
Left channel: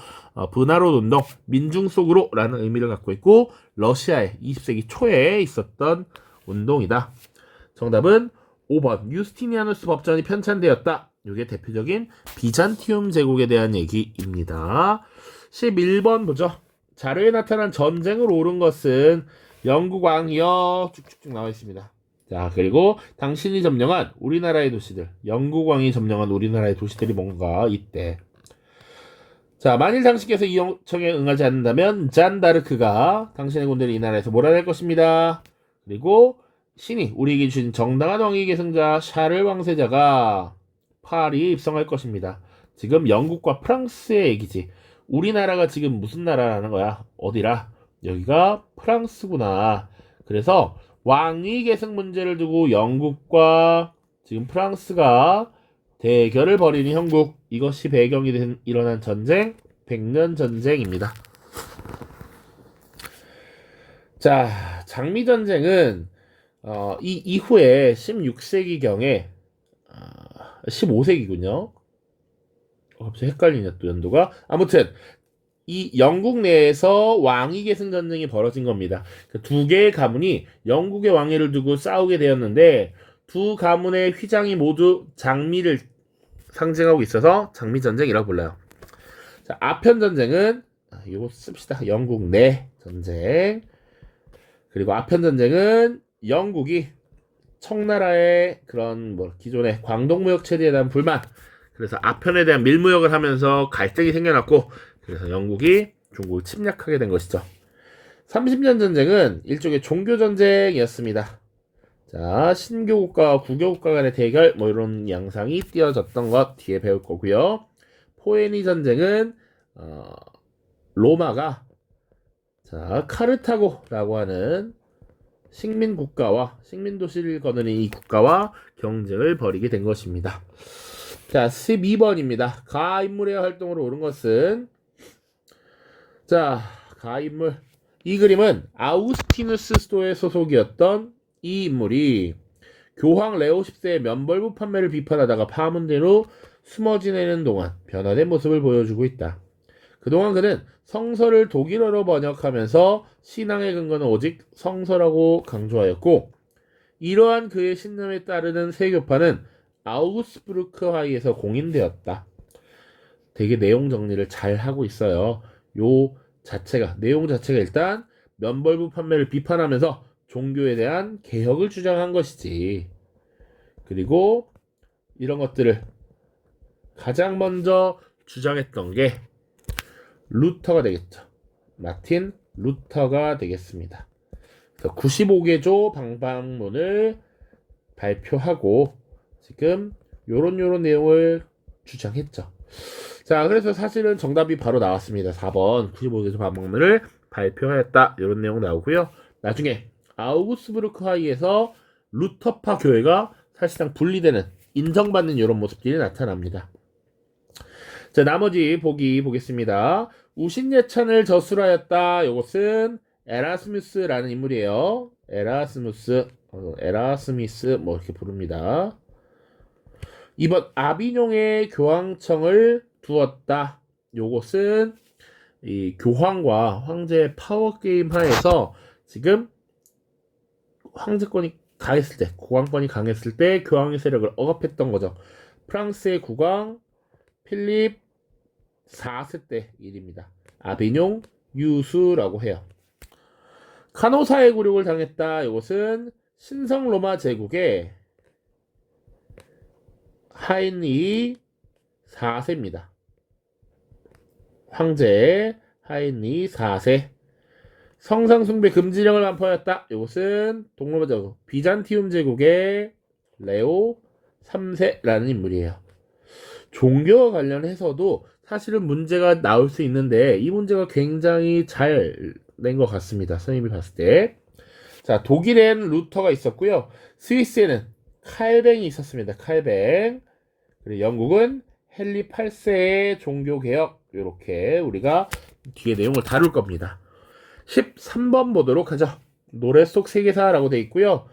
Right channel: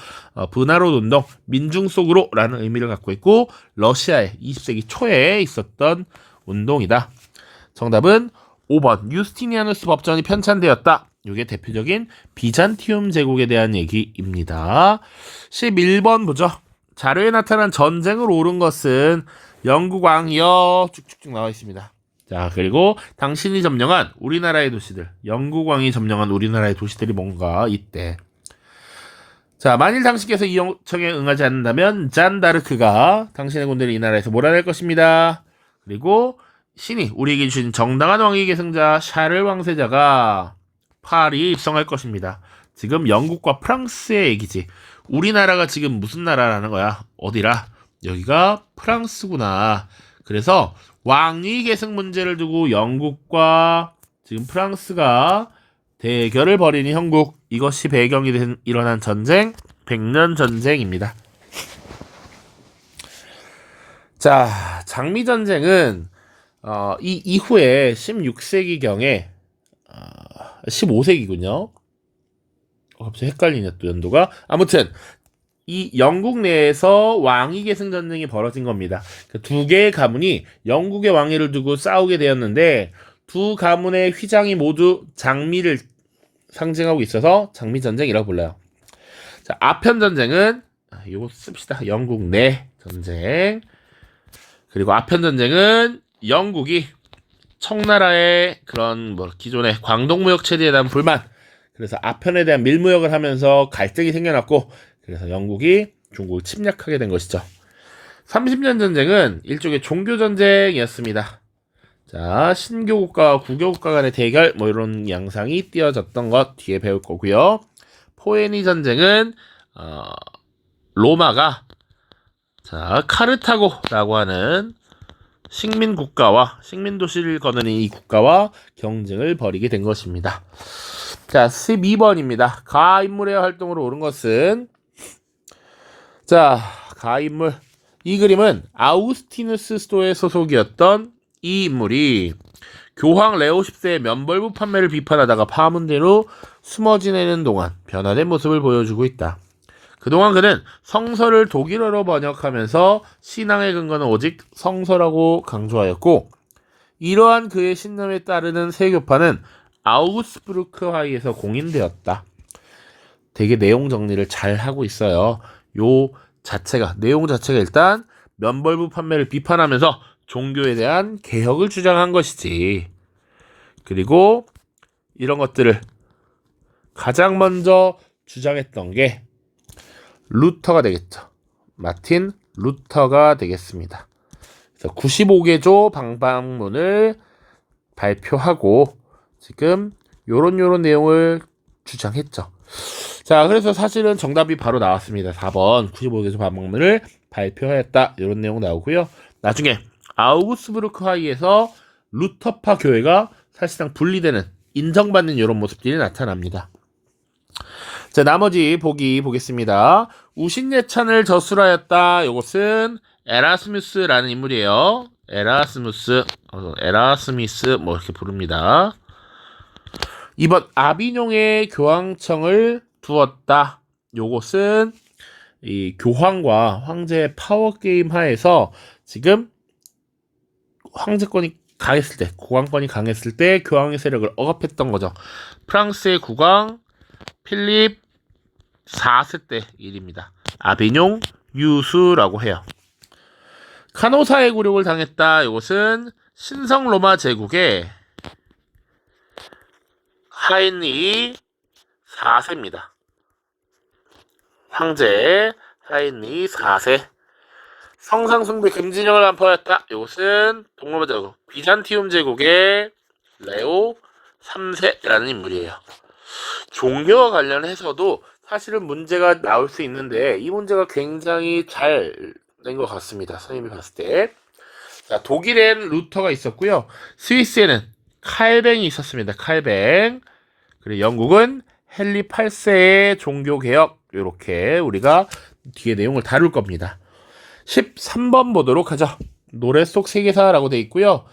브나롯 운동, 민중 속으로라는 의미를 갖고 있고 러시아의 20세기 초에 있었던 운동이다. 정답은 5번 유스티니아누스 법전이 편찬되었다. 이게 대표적인 비잔티움 제국에 대한 얘기입니다. 11번 보죠. 자료에 나타난 전쟁을 옳은 것은 영국 왕이여 쭉쭉쭉 나와 있습니다. 자, 그리고 당신이 점령한 우리나라의 도시들, 영국 왕이 점령한 우리나라의 도시들이 뭔가 이때. 자, 만일 당신께서 이 요청에 응하지 않는다면 잔다르크가 당신의 군대를 이 나라에서 몰아낼 것입니다. 그리고 신이 우리에게 주신 정당한 왕위 계승자 샤를 왕세자가 파리에 입성할 것입니다. 지금 영국과 프랑스의 얘기지. 우리나라가 지금 무슨 나라라는 거야? 어디라? 여기가 프랑스구나. 그래서 왕위 계승 문제를 두고 영국과 지금 프랑스가 대결을 벌이는 형국, 이것이 배경이 된 일어난 전쟁, 백년 전쟁입니다. 자, 장미전쟁은 이 이후에 16세기경에 15세기군요. 갑자기 헷갈리네 또 연도가. 아무튼 이 영국 내에서 왕위 계승 전쟁이 벌어진 겁니다. 두 개의 가문이 영국의 왕위를 두고 싸우게 되었는데 두 가문의 휘장이 모두 장미를 상징하고 있어서 장미전쟁이라고 불러요. 자, 아편전쟁은 이거 씁시다. 영국 내 전쟁. 그리고 아편전쟁은 영국이 청나라의 그런 기존의 광동무역 체제에 대한 불만, 그래서 아편에 대한 밀무역을 하면서 갈등이 생겨났고, 그래서 영국이 중국을 침략하게 된 것이죠. 30년 전쟁은 일종의 종교전쟁이었습니다. 자, 신교국가와 구교국가 간의 대결, 이런 양상이 띄어졌던 것 뒤에 배울 거고요. 포에니 전쟁은 로마가 카르타고라고 하는 식민 국가와 식민 도시를 거느린 이 국가와 경쟁을 벌이게 된 것입니다. 자, 12번입니다. 가인물의 활동으로 옳은 것은, 자, 가인물. 이 그림은 아우구스티누스 스토의 소속이었던 이 인물이 교황 레오 10세의 면벌부 판매를 비판하다가 파문대로 숨어 지내는 동안 변화된 모습을 보여주고 있다. 그동안 그는 성서를 독일어로 번역하면서 신앙의 근거는 오직 성서라고 강조하였고, 이러한 그의 신념에 따르는 세교파는 아우구스부르크하이에서 공인되었다. 되게 내용 정리를 잘 하고 있어요. 내용 자체가 일단 면벌부 판매를 비판하면서 종교에 대한 개혁을 주장한 것이지. 그리고 이런 것들을 가장 먼저 주장했던 게 루터가 되겠죠. 마틴 루터가 되겠습니다. 95개조 방방문을 발표하고 지금 요런 내용을 주장했죠. 자, 그래서 사실은 정답이 바로 나왔습니다. 4번 95개조 방방문을 발표하였다. 이런 내용 나오고요. 나중에 아우구스부르크하이에서 루터파 교회가 사실상 분리되는, 인정받는 이런 모습들이 나타납니다. 자, 나머지 보겠습니다. 우신예찬을 저술하였다. 이것은 에라스무스라는 인물이에요. 에라스미스 이렇게 부릅니다. 2번 아비뇽에 교황청을 두었다. 요것은 이 교황과 황제의 파워게임 하에서 지금 황제권이 강했을 때, 국왕권이 강했을 때 교황의 세력을 억압했던 거죠. 프랑스의 국왕 필립 4세 때 일입니다. 아비뇽 유수라고 해요. 카노사의 굴욕을 당했다. 이것은 신성 로마 제국의 하인리 4세입니다. 황제 하인리 4세. 성상숭배 금지령을 반포하였다. 이것은 동로마 제국 비잔티움 제국의 레오 3세라는 인물이에요. 종교와 관련해서도 사실은 문제가 나올 수 있는데 이 문제가 굉장히 잘 낸 것 같습니다. 선생님이 봤을 때. 자, 독일엔 루터가 있었고요. 스위스에는 칼뱅이 있었습니다. 칼뱅. 그리고 영국은 헨리 8세의 종교개혁. 이렇게 우리가 뒤에 내용을 다룰 겁니다. 13번 보도록 하죠. 노래 속 세계사라고 되어 있고요.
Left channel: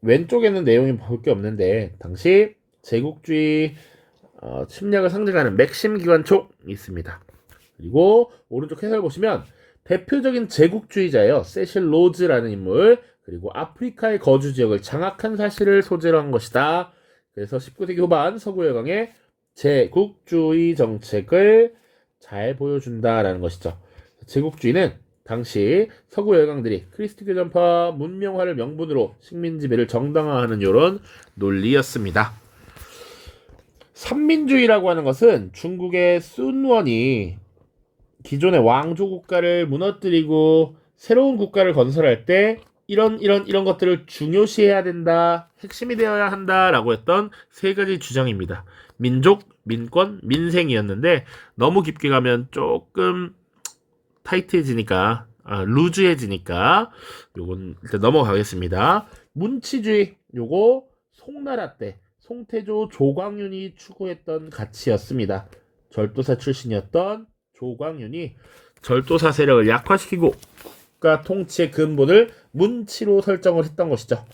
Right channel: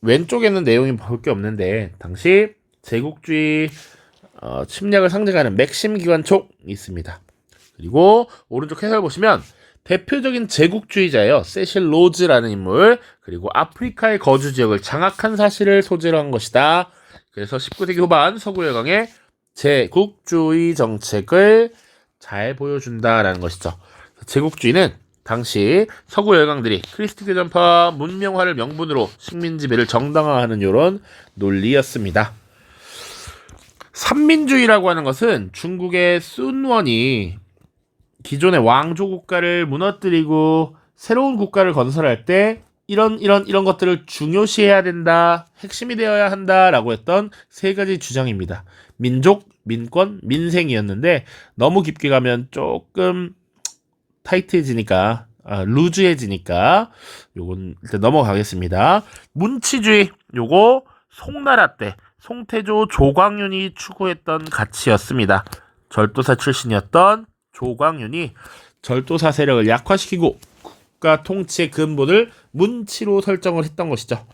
왼쪽에는 내용이 볼 게 없는데 당시 제국주의 침략을 상징하는 맥심 기관총이 있습니다. 그리고 오른쪽 해설 보시면 대표적인 제국주의자예요. 세실 로즈라는 인물. 그리고 아프리카의 거주 지역을 장악한 사실을 소재로 한 것이다. 그래서 19세기 후반 서구 열강의 제국주의 정책을 잘 보여준다라는 것이죠. 제국주의는 당시 서구 열강들이 크리스트 교전파 문명화를 명분으로 식민 지배를 정당화하는 이런 논리였습니다. 삼민주의라고 하는 것은 중국의 순원이 기존의 왕조 국가를 무너뜨리고 새로운 국가를 건설할 때 이런 것들을 중요시해야 된다, 핵심이 되어야 한다라고 했던 세 가지 주장입니다. 민족, 민권, 민생이었는데 너무 깊게 가면 조금 타이트해지니까 루즈해지니까 요건 일단 넘어가겠습니다. 문치주의, 요거 송나라 때 송태조 조광윤이 추구했던 가치였습니다. 절도사 출신이었던 조광윤이 절도사 세력을 약화시키고 국가 통치의 근본을 문치로 설정을 했던 것이죠.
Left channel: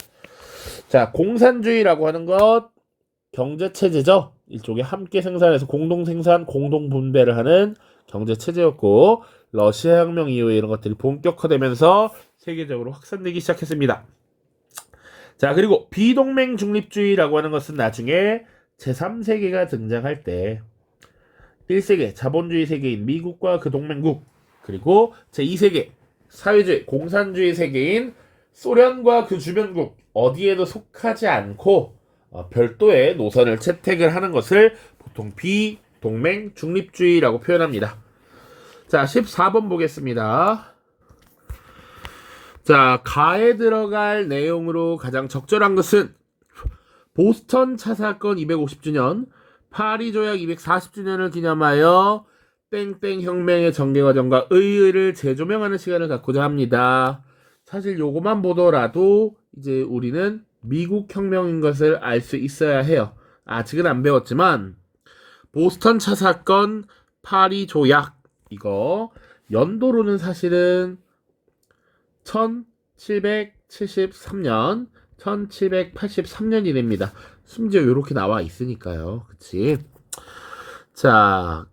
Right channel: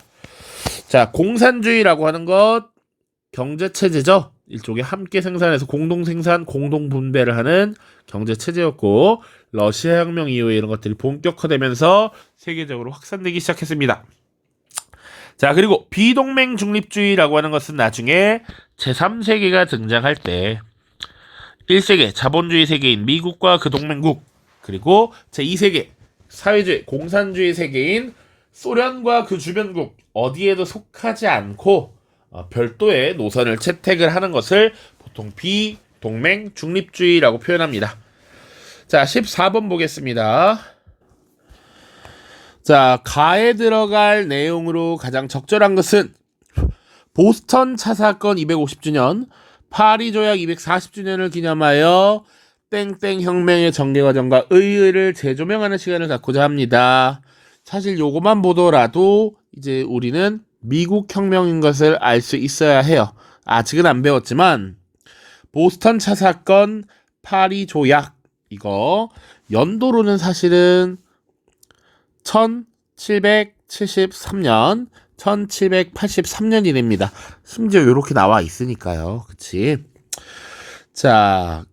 자, 공산주의라고 하는 것 경제체제죠. 일종의 함께 생산해서 공동 생산, 공동 분배를 하는 경제체제였고, 러시아 혁명 이후에 이런 것들이 본격화되면서 세계적으로 확산되기 시작했습니다. 자, 그리고 비동맹 중립주의라고 하는 것은 나중에 제3세계가 등장할 때 1세계 자본주의 세계인 미국과 그 동맹국, 그리고 제2세계 사회주의 공산주의 세계인 소련과 그 주변국 어디에도 속하지 않고 별도의 노선을 채택을 하는 것을 보통 비동맹 중립주의라고 표현합니다. 자, 14번 보겠습니다. 자, 가에 들어갈 내용으로 가장 적절한 것은 보스턴 차 사건 250주년, 파리 조약 240주년을 기념하여 땡땡 혁명의 전개 과정과 의의를 재조명하는 시간을 갖고자 합니다. 사실 요거만 보더라도 이제 우리는 미국 혁명인 것을 알 수 있어야 해요. 아직은 안 배웠지만 보스턴 차 사건, 파리 조약 이거 연도로는 사실은 1773년, 1783년이 됩니다. 심지어 이렇게 나와 있으니까요. 그치? 자,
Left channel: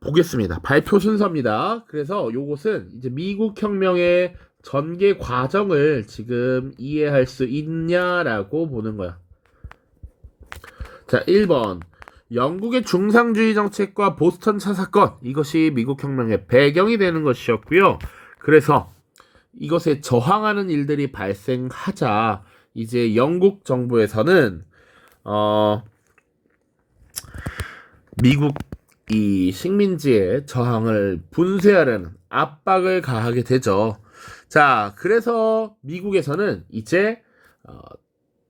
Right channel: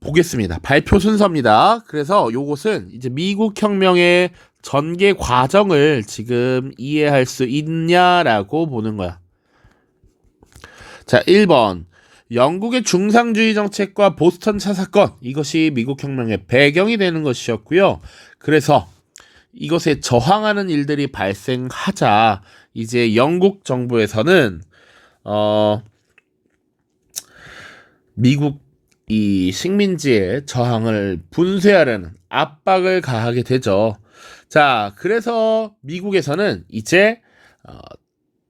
보겠습니다. 발표 순서입니다. 그래서 요것은 이제 미국 혁명의 전개 과정을 지금 이해할 수 있냐라고 보는 거야. 자, 1번. 영국의 중상주의 정책과 보스턴 차 사건, 이것이 미국 혁명의 배경이 되는 것이었고요. 그래서 이것에 저항하는 일들이 발생하자 이제 영국 정부에서는 미국 이 식민지의 저항을 분쇄하려는 압박을 가하게 되죠. 자, 그래서 미국에서는 이제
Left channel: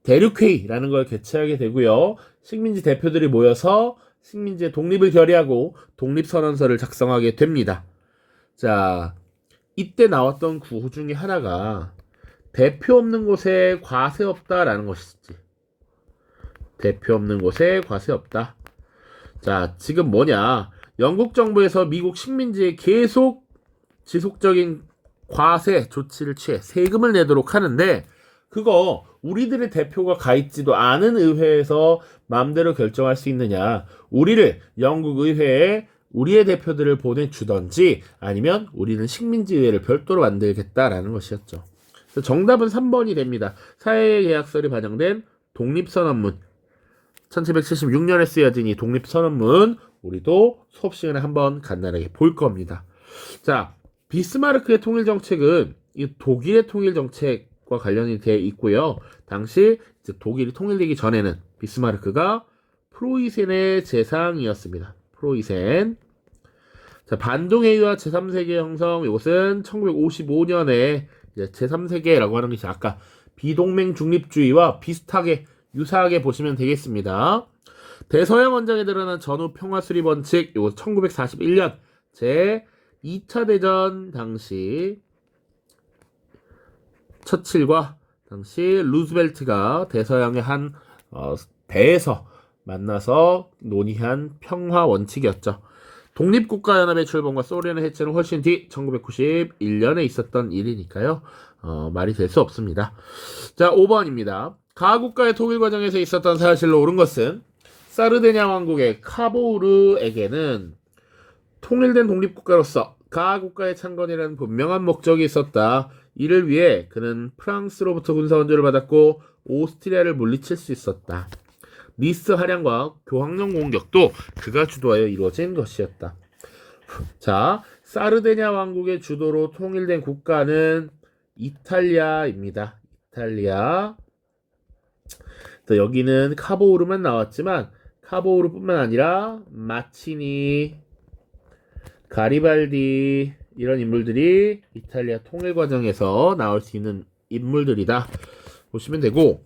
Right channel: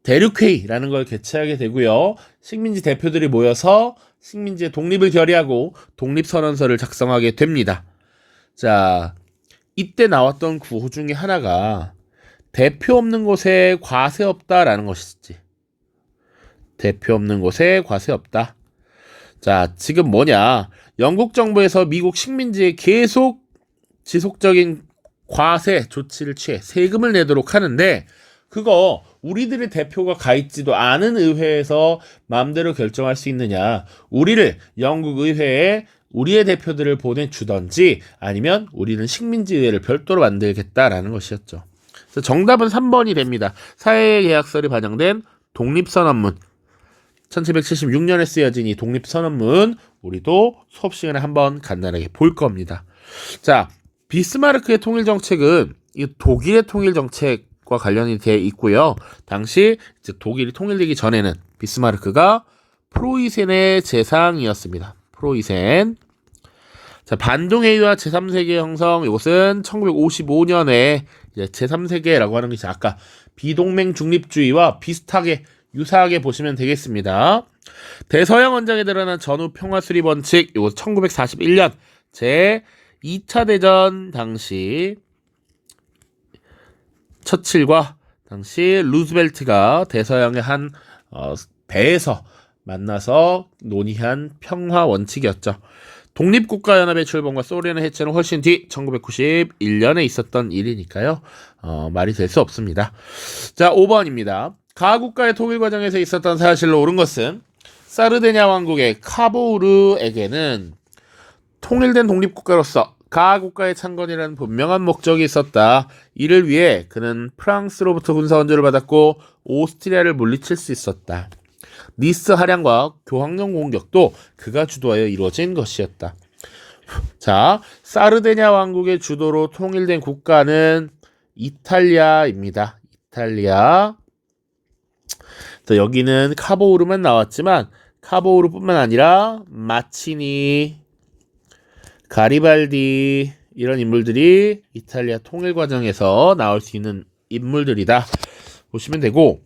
대륙회의라는 걸 개최하게 되고요. 식민지 대표들이 모여서 식민지의 독립을 결의하고 독립선언서를 작성하게 됩니다. 자, 이때 나왔던 구호 중에 하나가 대표 없는 곳에 과세 없다라는 것이지. 대표 없는 곳에 과세 없다. 자, 지금 뭐냐? 영국 정부에서 미국 식민지에 계속 지속적인 과세 조치를 취해 세금을 내도록 하는데 그거 우리들의 대표가 가 있지도 않은 의회에서 마음대로 결정할 수 있느냐? 우리를 영국 의회에 우리의 대표들을 보내주던지 아니면 우리는 식민지 의회를 별도로 만들겠다라는 것이었죠. 그래서 정답은 3번이 됩니다. 사회계약설이 반영된 독립선언문. 1776년에 쓰여진 이 독립선언문 우리도 수업 시간에 한번 간단하게 볼 겁니다. 자, 비스마르크의 통일정책은 이 독일의 통일정책과 관련이 되어 있고요. 당시 이제 독일이 통일되기 전에는 비스마르크가 프로이센의 재상이었습니다. 프로이센. 자, 반동회의와 제3세계 형성, 이것은 1955년에 제3세계라고 하는 것이 아까 비동맹 중립주의와 비슷하게 유사하게 보시면 되겠습니다. 대서양 원장에 드러난 전후 평화 수립 원칙, 이거 1941년 제 2차 대전 당시 처칠과 당시 루즈벨트가 대서양의 한 배에서 만나서 논의한 평화 원칙이었죠. 독립국가연합의 출범과 소련의 해체는 훨씬 뒤 1991년에 있었던 일이니까요. 말이 될 수 없습니다. 자, 5번입니다. 가국가의 통일 과정에서 있었던 사실로 옳은 것은 사르데냐 왕국의 카보우르에게는 통일된 독립국가로서 가국가의 창건이라는 분명한 목적이 있었다. 이를 위해 그는 프랑스로부터 군사援助를 받았고 오스트리아를 물리칠 수 있었다. 니스 할양과 교황령 공격도 그가 주도하여 이루어진 것이었다. 자, 사르데냐 왕국의 주도로 통일된 국가는 이탈리아입니다. 이탈리아. 여기는 카보우르만 나왔지만 카보우르뿐만 아니라 마치니, 가리발디 이런 인물들이 이탈리아 통일 과정에서 나올 수 있는 인물들이다 보시면 되고,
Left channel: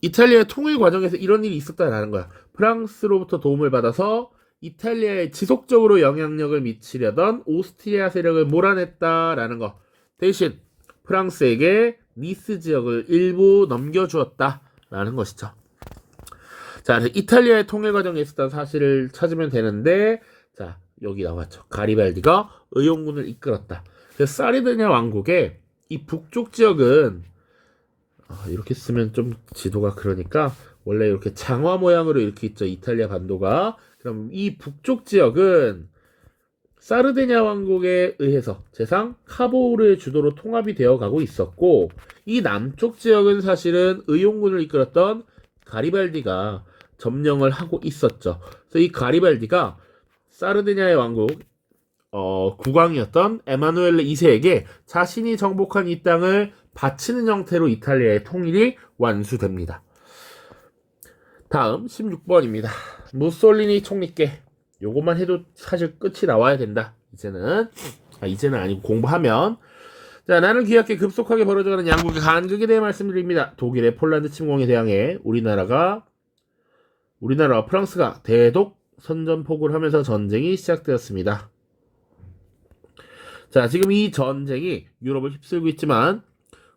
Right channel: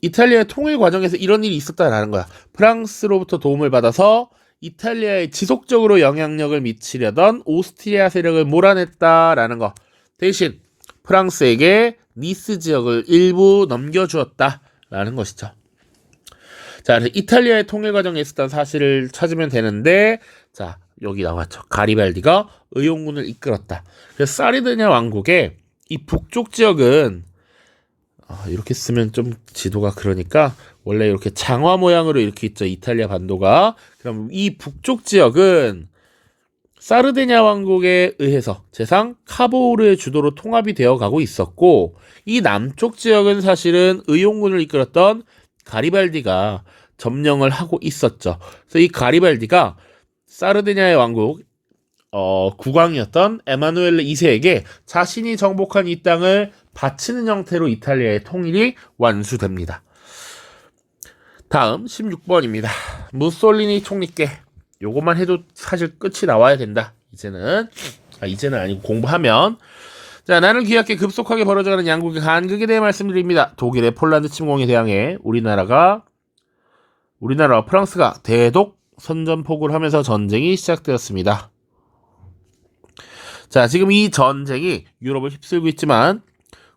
이탈리아 통일 과정에서 이런 일이 있었다라는 거야. 프랑스로부터 도움을 받아서 이탈리아에 지속적으로 영향력을 미치려던 오스트리아 세력을 몰아냈다라는 거. 대신 프랑스에게 니스 지역을 일부 넘겨주었다라는 것이죠. 자, 이탈리아의 통일 과정에 있었던 사실을 찾으면 되는데, 자, 여기 나왔죠. 가리발디가 의용군을 이끌었다. 그래서 사르디냐 왕국의 이 북쪽 지역은 이렇게 쓰면 좀 지도가 그러니까 원래 이렇게 장화 모양으로 이렇게 있죠. 이탈리아 반도가. 그럼 이 북쪽 지역은 사르디냐 왕국에 의해서 제상 카보우르의 주도로 통합이 되어 가고 있었고, 이 남쪽 지역은 사실은 의용군을 이끌었던 가리발디가 점령을 하고 있었죠. 그래서 이 가리발디가 사르디냐의 왕국 국왕이었던 에마누엘레 2세에게 자신이 정복한 이 땅을 바치는 형태로 이탈리아의 통일이 완수됩니다. 다음 16번입니다. 무솔리니 총리께. 요것만 해도 사실 끝이 나와야 된다. 이제는 아니고 공부하면. 자, 나는 기약해 급속하게 벌어져가는 양국의 간극에 대해 말씀드립니다. 독일의 폴란드 침공에 대항해 우리나라와 프랑스가 대독 선전포고를 하면서 전쟁이 시작되었습니다. 자, 지금 이 전쟁이 유럽을 휩쓸고 있지만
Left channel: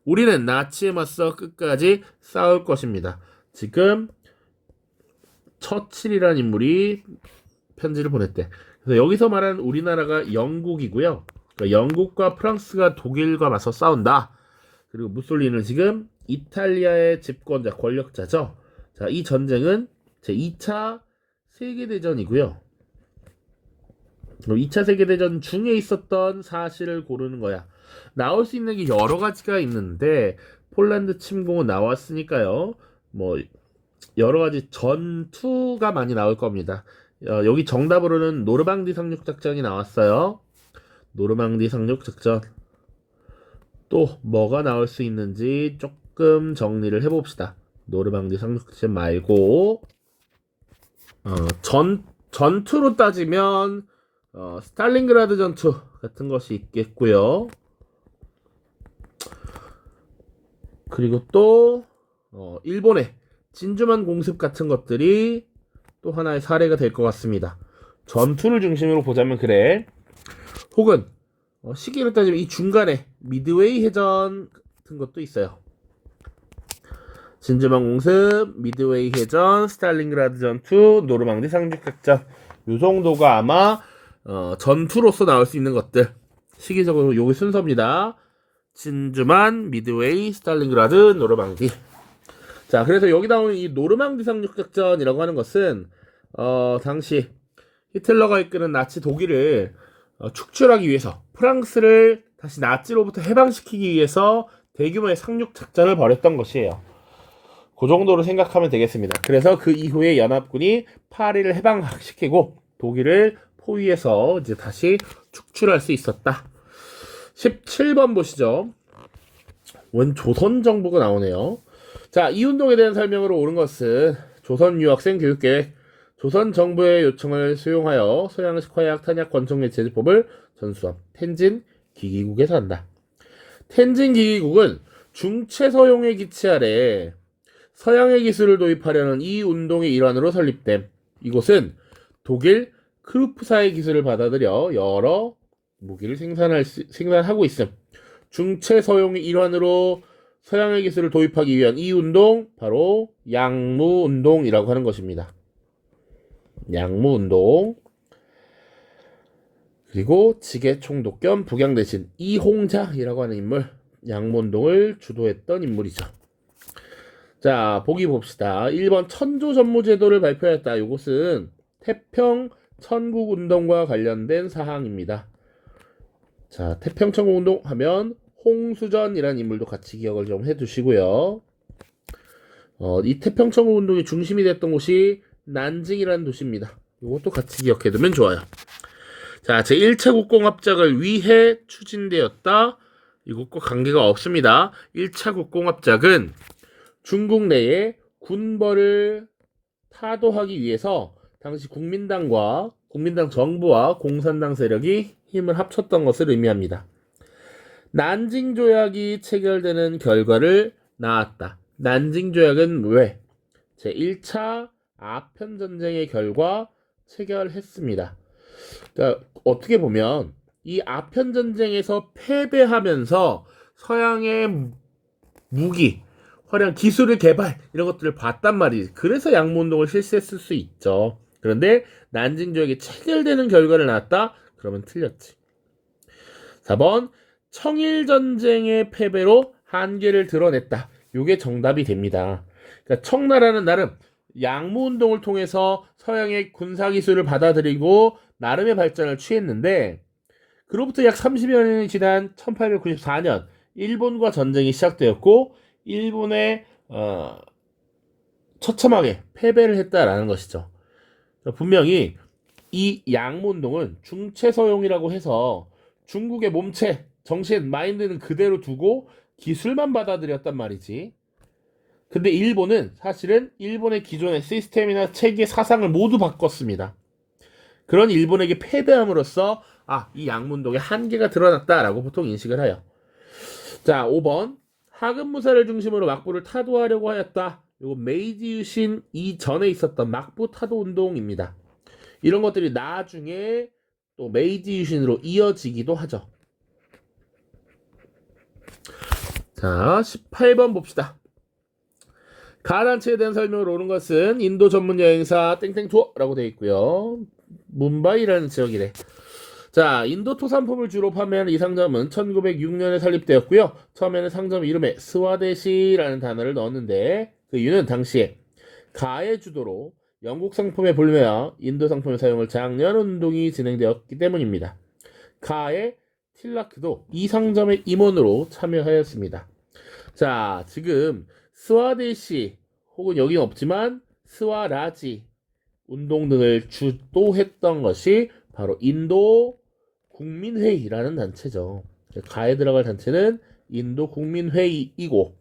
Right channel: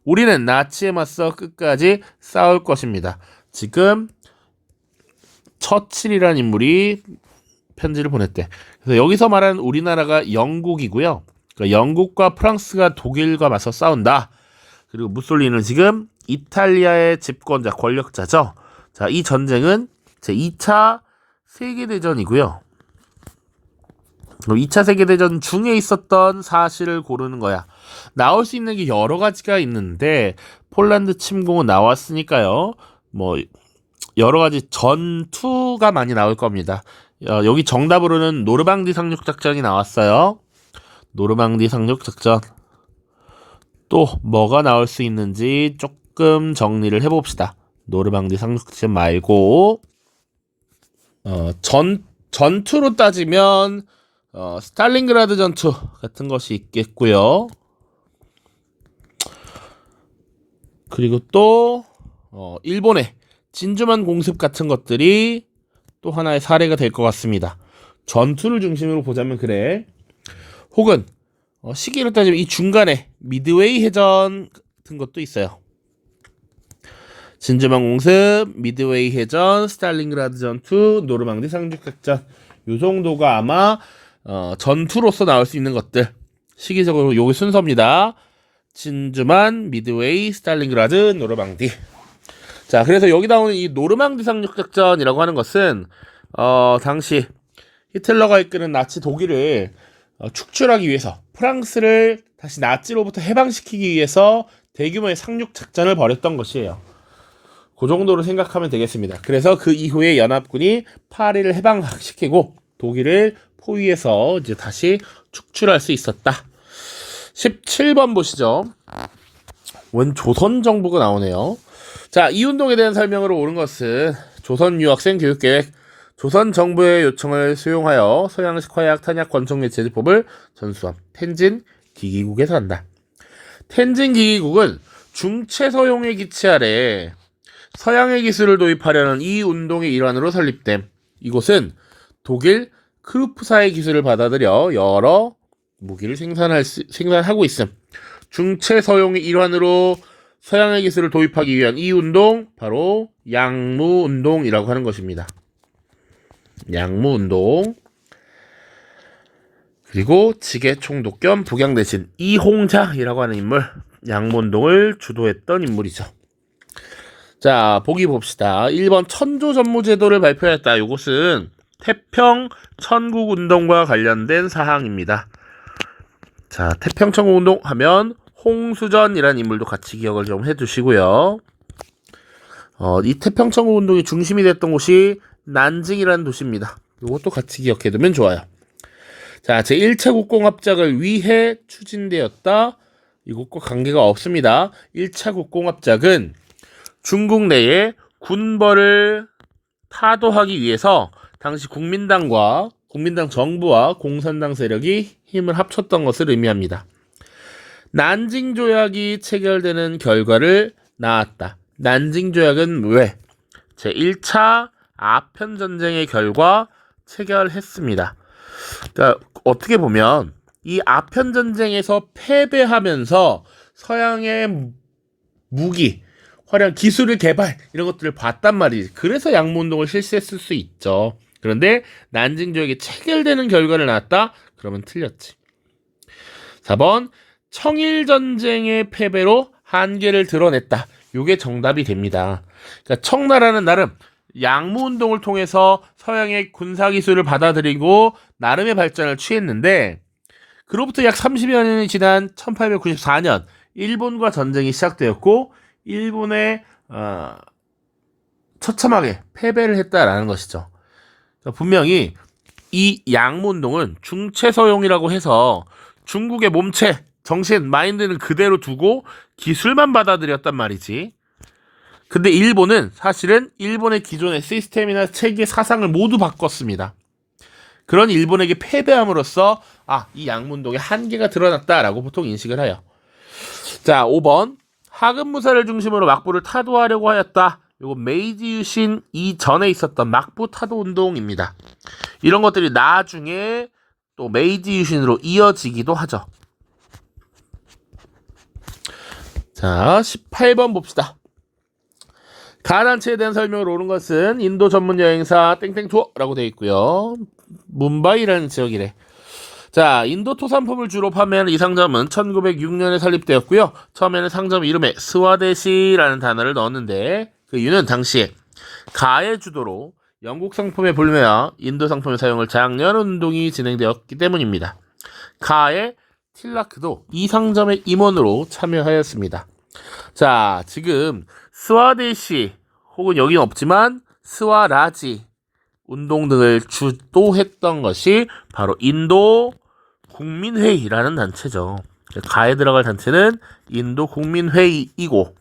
우리는 나치에 맞서 끝까지 싸울 것입니다. 지금 처칠이라는 인물이 편지를 보냈대. 그래서 여기서 말하는 우리나라가 영국이고요. 그러니까 영국과 프랑스가 독일과 맞서 싸운다. 그리고 무솔리니는 지금 이탈리아의 집권자, 권력자죠. 자, 이 전쟁은 제2차 세계대전이고요. 2차 세계대전 중에 있었던 사실을 고르는 거야. 나올 수 있는 게 여러 가지가 있는데 폴란드 침공은 나왔으니까요. 뭐 여러 가지 전투가 많이 나올 겁니다. 여기 정답으로는 노르망디 상륙작전이 나왔어요. 노르망디 상륙작전. 또 뭐가 나올 수 있는지 조금 정리를 해봅시다. 노르망디 상륙작전 말고 전투로 따지면 스탈린그라드 전투 같은 것이 있겠고요. 그리고 또 일본의 진주만 공습 같은 것들이 또 하나의 사례가 될 것 같습니다. 전투를 중심으로 보자면 그래. 혹은 시기로 따지면 이 중간에 미드웨이 해전 같은 것도 있어요. 진주만 공습, 미드웨이 해전, 스탈린그라드 전투, 노르망디 상륙작전. 요 정도가 아마 전투로서 나올 수 있는 것들. 시기적으로 요게 순서입니다. 진주만, 미드웨이, 스탈린그라드, 노르망디. 자, 그래서 여기 나오는 이 노르망디 상륙작전이라고 하는 것은 당시 히틀러가 이끄는 나치 독일을 축출하기 위해서 프랑스를 다시 나치로부터 해방시키기 위해서 대규모의 상륙작전을 벌였던 것이에요. 그 정도로 생각하면 되겠습니다. 그래서 그 이후에 연합군이 파리를 해방시키고 독일을 포위해서 이제 다시 축출할 수 있었다. 17번 보시죠. 원 조선 정부가 나오네요. 자, 이 운동에 대한 설명으로 옳은 것은 조선 유학생 교육계획, 조선 정부의 요청을 수용하여 서양식 화약 탄약 권총매 제조법을 전수한 텐진 기기국에서 한다. 텐진 기기국은 중체서용의 기치 아래 서양의 기술을 도입하려는 이 운동의 일환으로 설립됨. 이곳은 독일 크루프사의 기술을 받아들여 여러 무기를 생산하고 있음. 중체서용의 일환으로 서양의 기술을 도입하기 위한 이 운동, 바로 양무운동이라고 하는 것입니다. 양무운동. 그리고 지게총독 겸 북양대신 이홍자이라고 하는 인물, 양무운동을 주도했던 인물이죠. 자, 보기 봅시다. 1번 천조전무제도를 발표했다. 이것은 태평 천국운동과 관련된 사항입니다. 자, 태평 천국운동 하면 홍수전이라는 인물도 같이 기억을 좀 해두시고요. 이 태평 천국운동의 중심이 됐던 곳이 난징이라는 도시입니다. 이것도 같이 기억해두면 좋아요. 자, 제1차 국공합작을 위해 추진되었다. 이것과 관계가 없습니다. 1차 국공합작은 중국 내에 군벌을 타도하기 위해서 당시 국민당 정부와 공산당 세력이 힘을 합쳤던 것을 의미합니다. 난징 조약이 체결되는 결과를 낳았다. 난징 조약은 왜? 제1차 아편 전쟁의 결과 체결했습니다. 그러니까 어떻게 보면 이 아편 전쟁에서 패배하면서 서양의 무기, 화려한 기술을 개발 이런 것들을 봤단 말이지. 그래서 양모운동을 실시했을 수 있죠. 그런데 난징 조약이 체결되는 결과를 낳았다? 그러면 틀렸지. 4번 청일전쟁의 패배로 한계를 드러냈다. 이게 정답이 됩니다. 그러니까 청나라는 나름 양모운동을 통해서 서양의 군사기술을 받아들이고 나름의 발전을 취했는데 그로부터 약 30여 년이 지난 1894년 일본과 전쟁이 시작되었고 일본에 처참하게 패배를 했다라는 것이죠. 그러니까 분명히 이 양모운동은 중체서용이라고 해서 중국의 몸체, 정신, 마인드는 그대로 두고 기술만 받아들였단 말이지. 근데 일본은 사실은 일본의 기존의 시스템이나 체계, 사상을 모두 바꿨습니다. 그런 일본에게 패배함으로써 이 양모운동의 한계가 드러났다라고 보통 인식을 해요. 자, 5번 하급무사를 중심으로 막부를 타도하려고 하였다. 이거 메이지 유신 이전에 있었던 막부 타도 운동입니다. 이런 것들이 나중에 또 메이지 유신으로 이어지기도 하죠. 자, 18번 봅시다. 가단체에 대한 설명을 옳은 것은 인도 전문 여행사 땡땡 투어라고 되어 있고요. 뭄바이라는 지역이래. 자, 인도 토산품을 주로 판매하는 이 상점은 1906년에 설립되었고요. 처음에는 상점 이름에 스와데시라는 단어를 넣었는데 그 이유는 당시에 가의 주도로 영국 상품의 불매와 인도 상품의 사용을 장려하는 운동이 진행되었기 때문입니다. 가의 틸라크도 이 상점의 임원으로 참여하였습니다. 자, 지금 스와데시 혹은 여기는 없지만 스와라지 운동 등을 주도했던 것이 바로 인도 국민회의라는 단체죠. 가에 들어갈 단체는 인도 국민회의이고,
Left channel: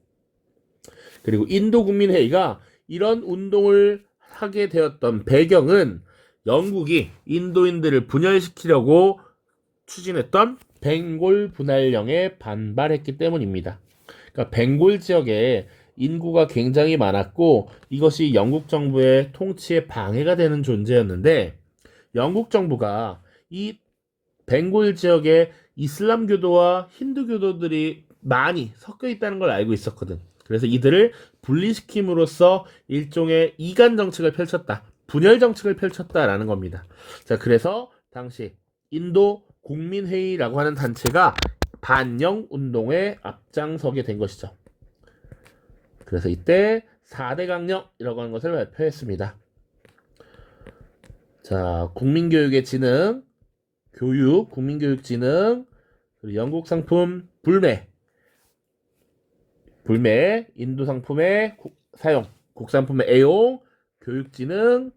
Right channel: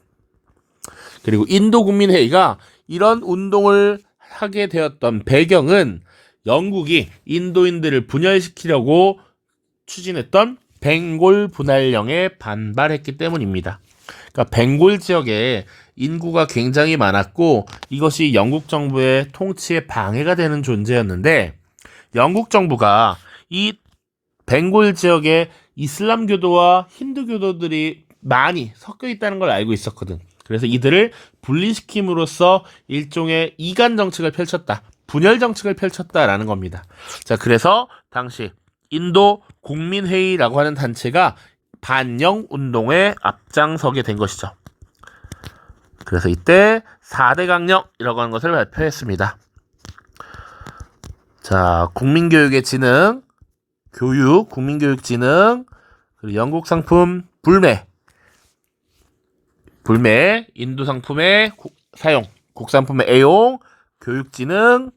그리고 인도 국민회의가 이런 운동을 하게 되었던 배경은 영국이 인도인들을 분열시키려고 추진했던 벵골 분할령에 반발했기 때문입니다. 그러니까 벵골 지역에 인구가 굉장히 많았고 이것이 영국 정부의 통치에 방해가 되는 존재였는데 영국 정부가 이 벵골 지역에 이슬람교도와 힌두교도들이 많이 섞여 있다는 걸 알고 있었거든. 그래서 이들을 분리시킴으로써 일종의 이간 정책을 펼쳤다. 분열 정책을 펼쳤다라는 겁니다. 자, 그래서 당시 인도 국민회의라고 하는 단체가 반영 운동에 앞장서게 된 것이죠. 그래서 이때 4대 강령이라고 하는 것을 발표했습니다. 자, 국민교육의 진흥, 교육, 국민교육진흥, 그리고 영국 상품 불매, 인도 상품의 사용, 국산품의 애용, 교육진흥,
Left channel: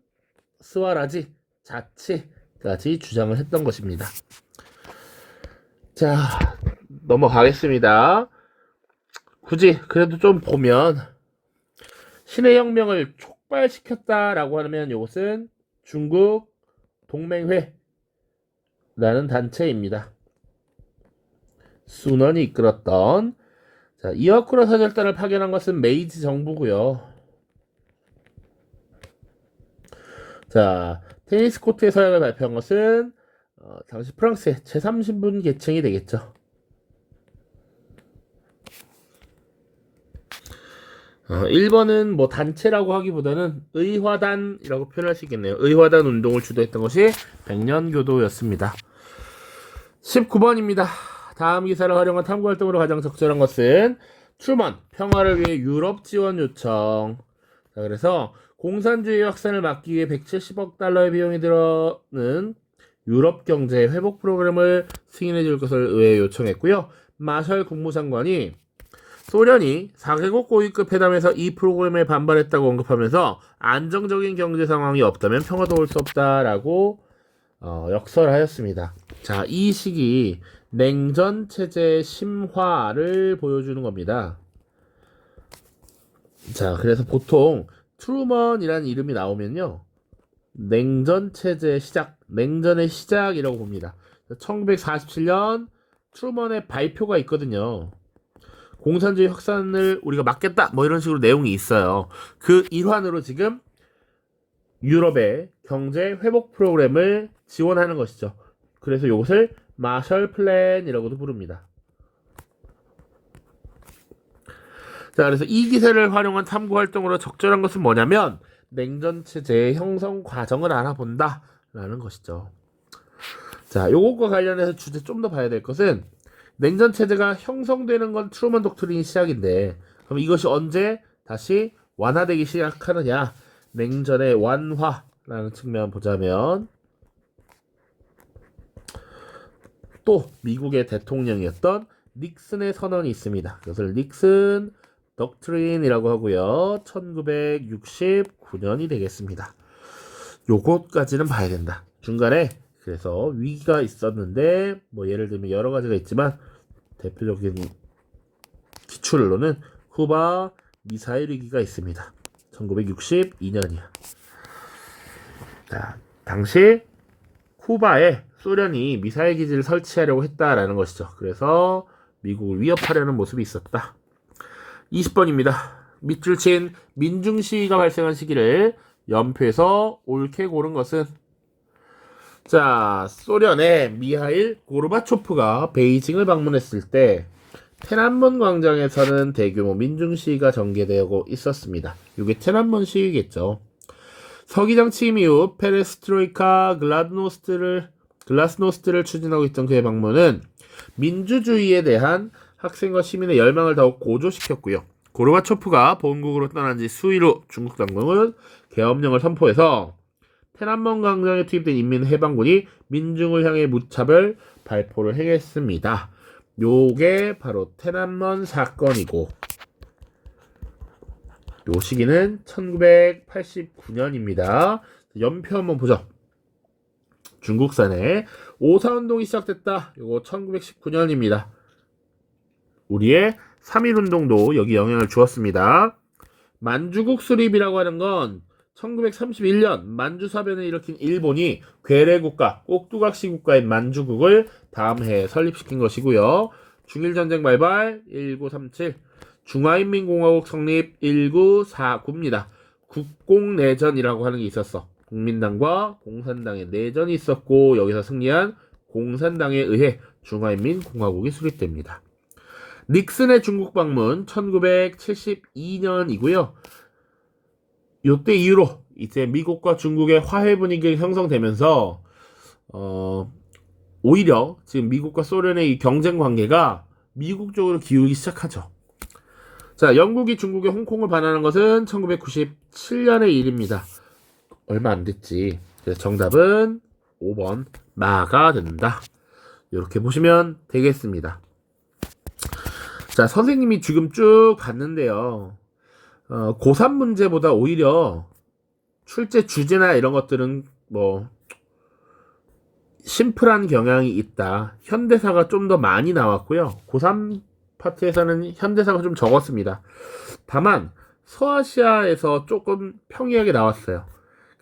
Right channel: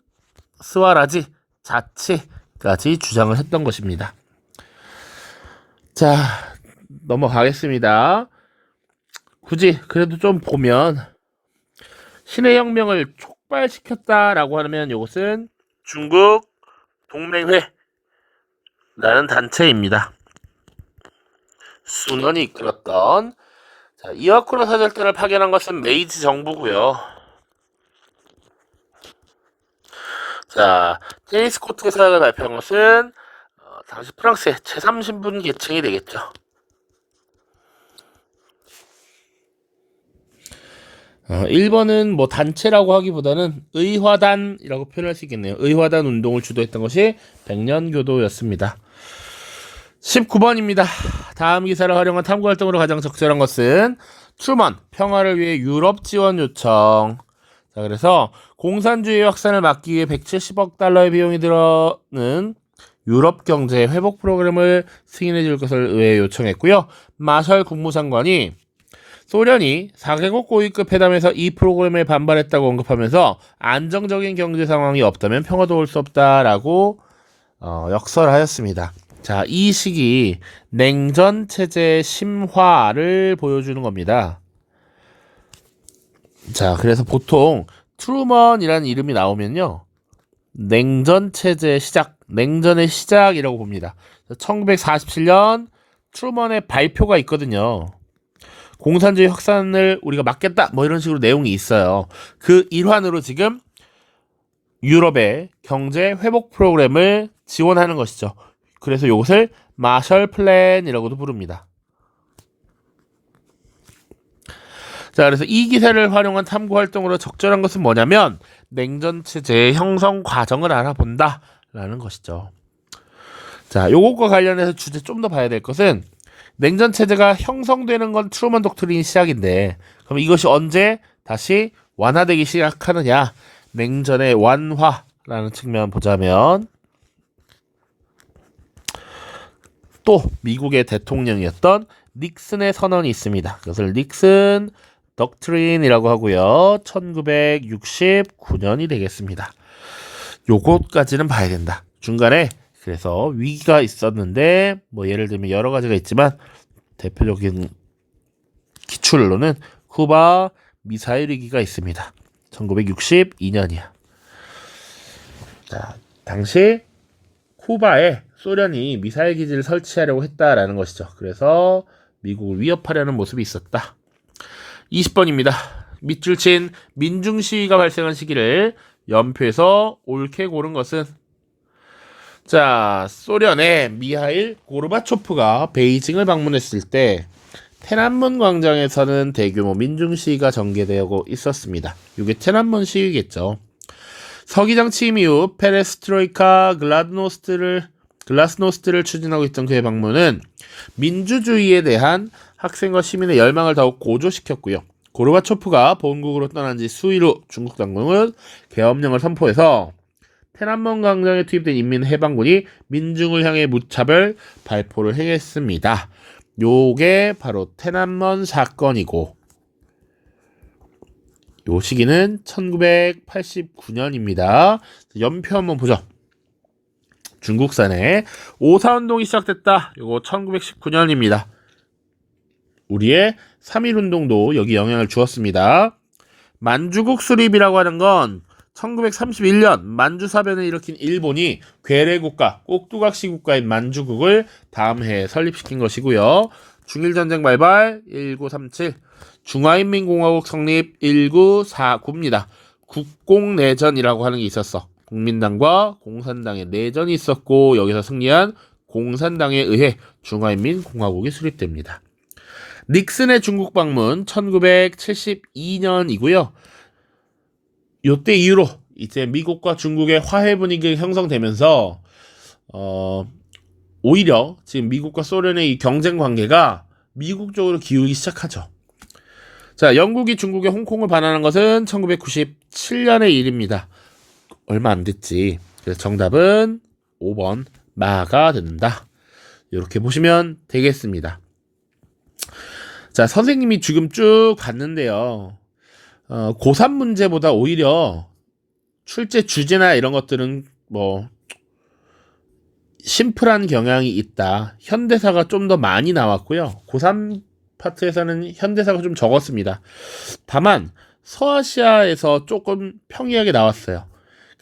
스와라지, 자치까지 주장을 했던 것입니다. 자, 넘어가겠습니다. 굳이 그래도 좀 보면 신의 혁명을 촉발시켰다라고 하면 이것은 중국 동맹회라는 단체입니다. 순원이 이끌었던 자, 이와쿠로 사절단을 파견한 것은 메이지 정부고요. 자, 테니스 코트의 사역을 발표한 것은 당시 프랑스의 제3신분 계층이 되겠죠. 1번은 뭐 단체라고 하기보다는 의화단이라고 표현할 수 있겠네요. 의화단 운동을 주도했던 것이 백년교도였습니다. 19번입니다. 다음 기사를 활용한 탐구활동으로 가장 적절한 것은 트루먼, 평화를 위해 유럽 지원 요청. 자, 그래서 공산주의 확산을 막기 위해 170억 달러의 비용이 들어는 유럽 경제 회복 프로그램을 승인해 줄 것을 의회에 요청했고요. 마셜 국무장관이 소련이 4개국 고위급 회담에서 이 프로그램에 반발했다고 언급하면서 안정적인 경제 상황이 없다면 평화도 올 수 없다라고 역설하였습니다. 자, 이 시기 냉전 체제의 심화를 보여주는 겁니다. 자, 그래서 보통 트루먼이라는 이름이 나오면요. 냉전 체제의 시작, 냉전의 시작이라고 봅니다. 1947년 트루먼의 발표가 있거든요. 공산주의 확산을 우리가 막겠다 뭐 이런 식으로 내용이 있어요. 그 일환으로 지금 유럽의 경제 회복 프로그램을 지원하는 것이죠. 그래서 이것을 마셜 플랜이라고도 부릅니다. 자, 그래서 이 기세를 활용한 탐구 활동으로 적절한 것은 뭐냐면 냉전 체제의 형성 과정을 알아본다 라는 것이죠. 자, 요것과 관련해서 주제 좀 더 봐야 될 것은 냉전 체제가 형성되는 건 트루먼 독트린이 시작인데 그럼 이것이 언제 다시 완화되기 시작하느냐? 냉전의 완화라는 측면 보자면 또 미국의 대통령이었던 닉슨의 선언이 있습니다. 그것을 닉슨 독트린이라고 하고요. 1969년이 되겠습니다. 요것까지는 봐야 된다. 중간에 그래서 위기가 있었는데 뭐 예를 들면 여러 가지가 있지만 대표적인 기출로는 쿠바 미사일 위기가 있습니다. 1962년이야. 자, 당시 쿠바에 소련이 미사일 기지를 설치하려고 했다라는 것이죠. 그래서 미국을 위협하려는 모습이 있었다. 20번입니다. 밑줄 친 민중 시위가 발생한 시기를 연표에서 옳게 고른 것은 자, 소련의 미하일 고르바초프가 베이징을 방문했을 때天安문 광장에서는 대규모 민중 시위가 전개되고 있었습니다. 이게天安문 시위겠죠. 서기장 취임 이후 페레스트로이카 글라스노스트를 추진하고 있던 그의 방문은 민주주의에 대한 학생과 시민의 열망을 더욱 고조시켰고요. 고르바초프가 본국으로 떠난 지 수일 후 중국 당국은 계엄령을 선포해서天安문 광장에 투입된 인민해방군이 민중을 향해 무차별 발포를 행했습니다. 요게 바로天安문 사건이고 요 시기는 1989년입니다. 연표 한번 보죠. 중국산에 오사운동이 시작됐다. 요거 1919년입니다. 우리의 3.1운동도 여기 영향을 주었습니다. 만주국 수립이라고 하는 건 1931년 만주사변을 일으킨 일본이 괴뢰국가, 꼭두각시 국가인 만주국을 다음 해에 설립시킨 것이고요. 중일전쟁 발발 1937, 중화인민공화국 성립 1949입니다. 국공내전이라고 하는 게 있었어. 국민당과 공산당의 내전이 있었고 여기서 승리한 공산당에 의해 중화인민공화국이 수립됩니다. 닉슨의 중국 방문 1972년이고요. 요때 이후로 이제 미국과 중국의 화해 분위기가 형성되면서 오히려 지금 미국과 소련의 이 경쟁 관계가 미국 쪽으로 기울기 시작하죠. 자, 영국이 중국의 홍콩을 반환한 것은 1997년의 일입니다. 얼마 안 됐지. 그래서 정답은 5번 마가 된다. 이렇게 보시면 되겠습니다. 자, 선생님이 지금 쭉 봤는데요. 고3 문제보다 오히려 출제 주제나 이런 것들은 뭐 심플한 경향이 있다. 현대사가 좀 더 많이 나왔고요. 고3 파트에서는 현대사가 좀 적었습니다. 다만 서아시아에서 조금 평이하게 나왔어요.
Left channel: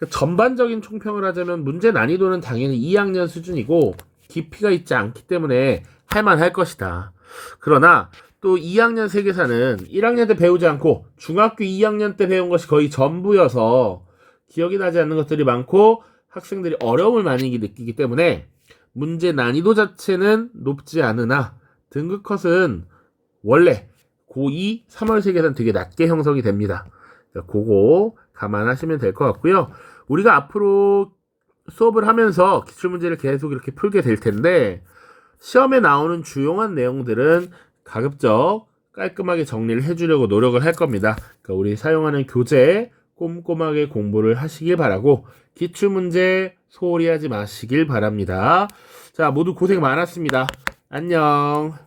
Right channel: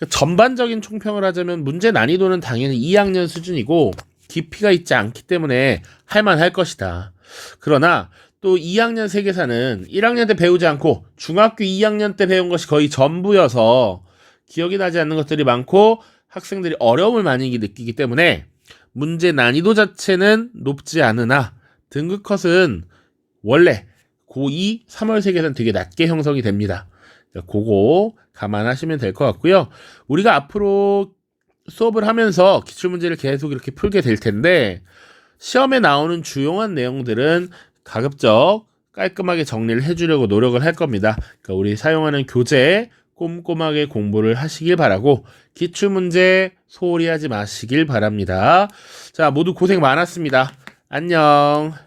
전반적인 총평을 하자면 문제 난이도는 당연히 2학년 수준이고 깊이가 있지 않기 때문에 할만할 것이다. 그러나 또 2학년 세계사는 1학년 때 배우지 않고 중학교 2학년 때 배운 것이 거의 전부여서 기억이 나지 않는 것들이 많고 학생들이 어려움을 많이 느끼기 때문에 문제 난이도 자체는 높지 않으나 등급 컷은 원래 고2 3월 세계사는 되게 낮게 형성이 됩니다. 그거 감안하시면 될 것 같고요. 우리가 앞으로 수업을 하면서 기출문제를 계속 이렇게 풀게 될 텐데 시험에 나오는 주요한 내용들은 가급적 깔끔하게 정리를 해주려고 노력을 할 겁니다. 그러니까 우리 사용하는 교재 꼼꼼하게 공부를 하시길 바라고 기출문제 소홀히 하지 마시길 바랍니다. 자, 모두 고생 많았습니다. 안녕.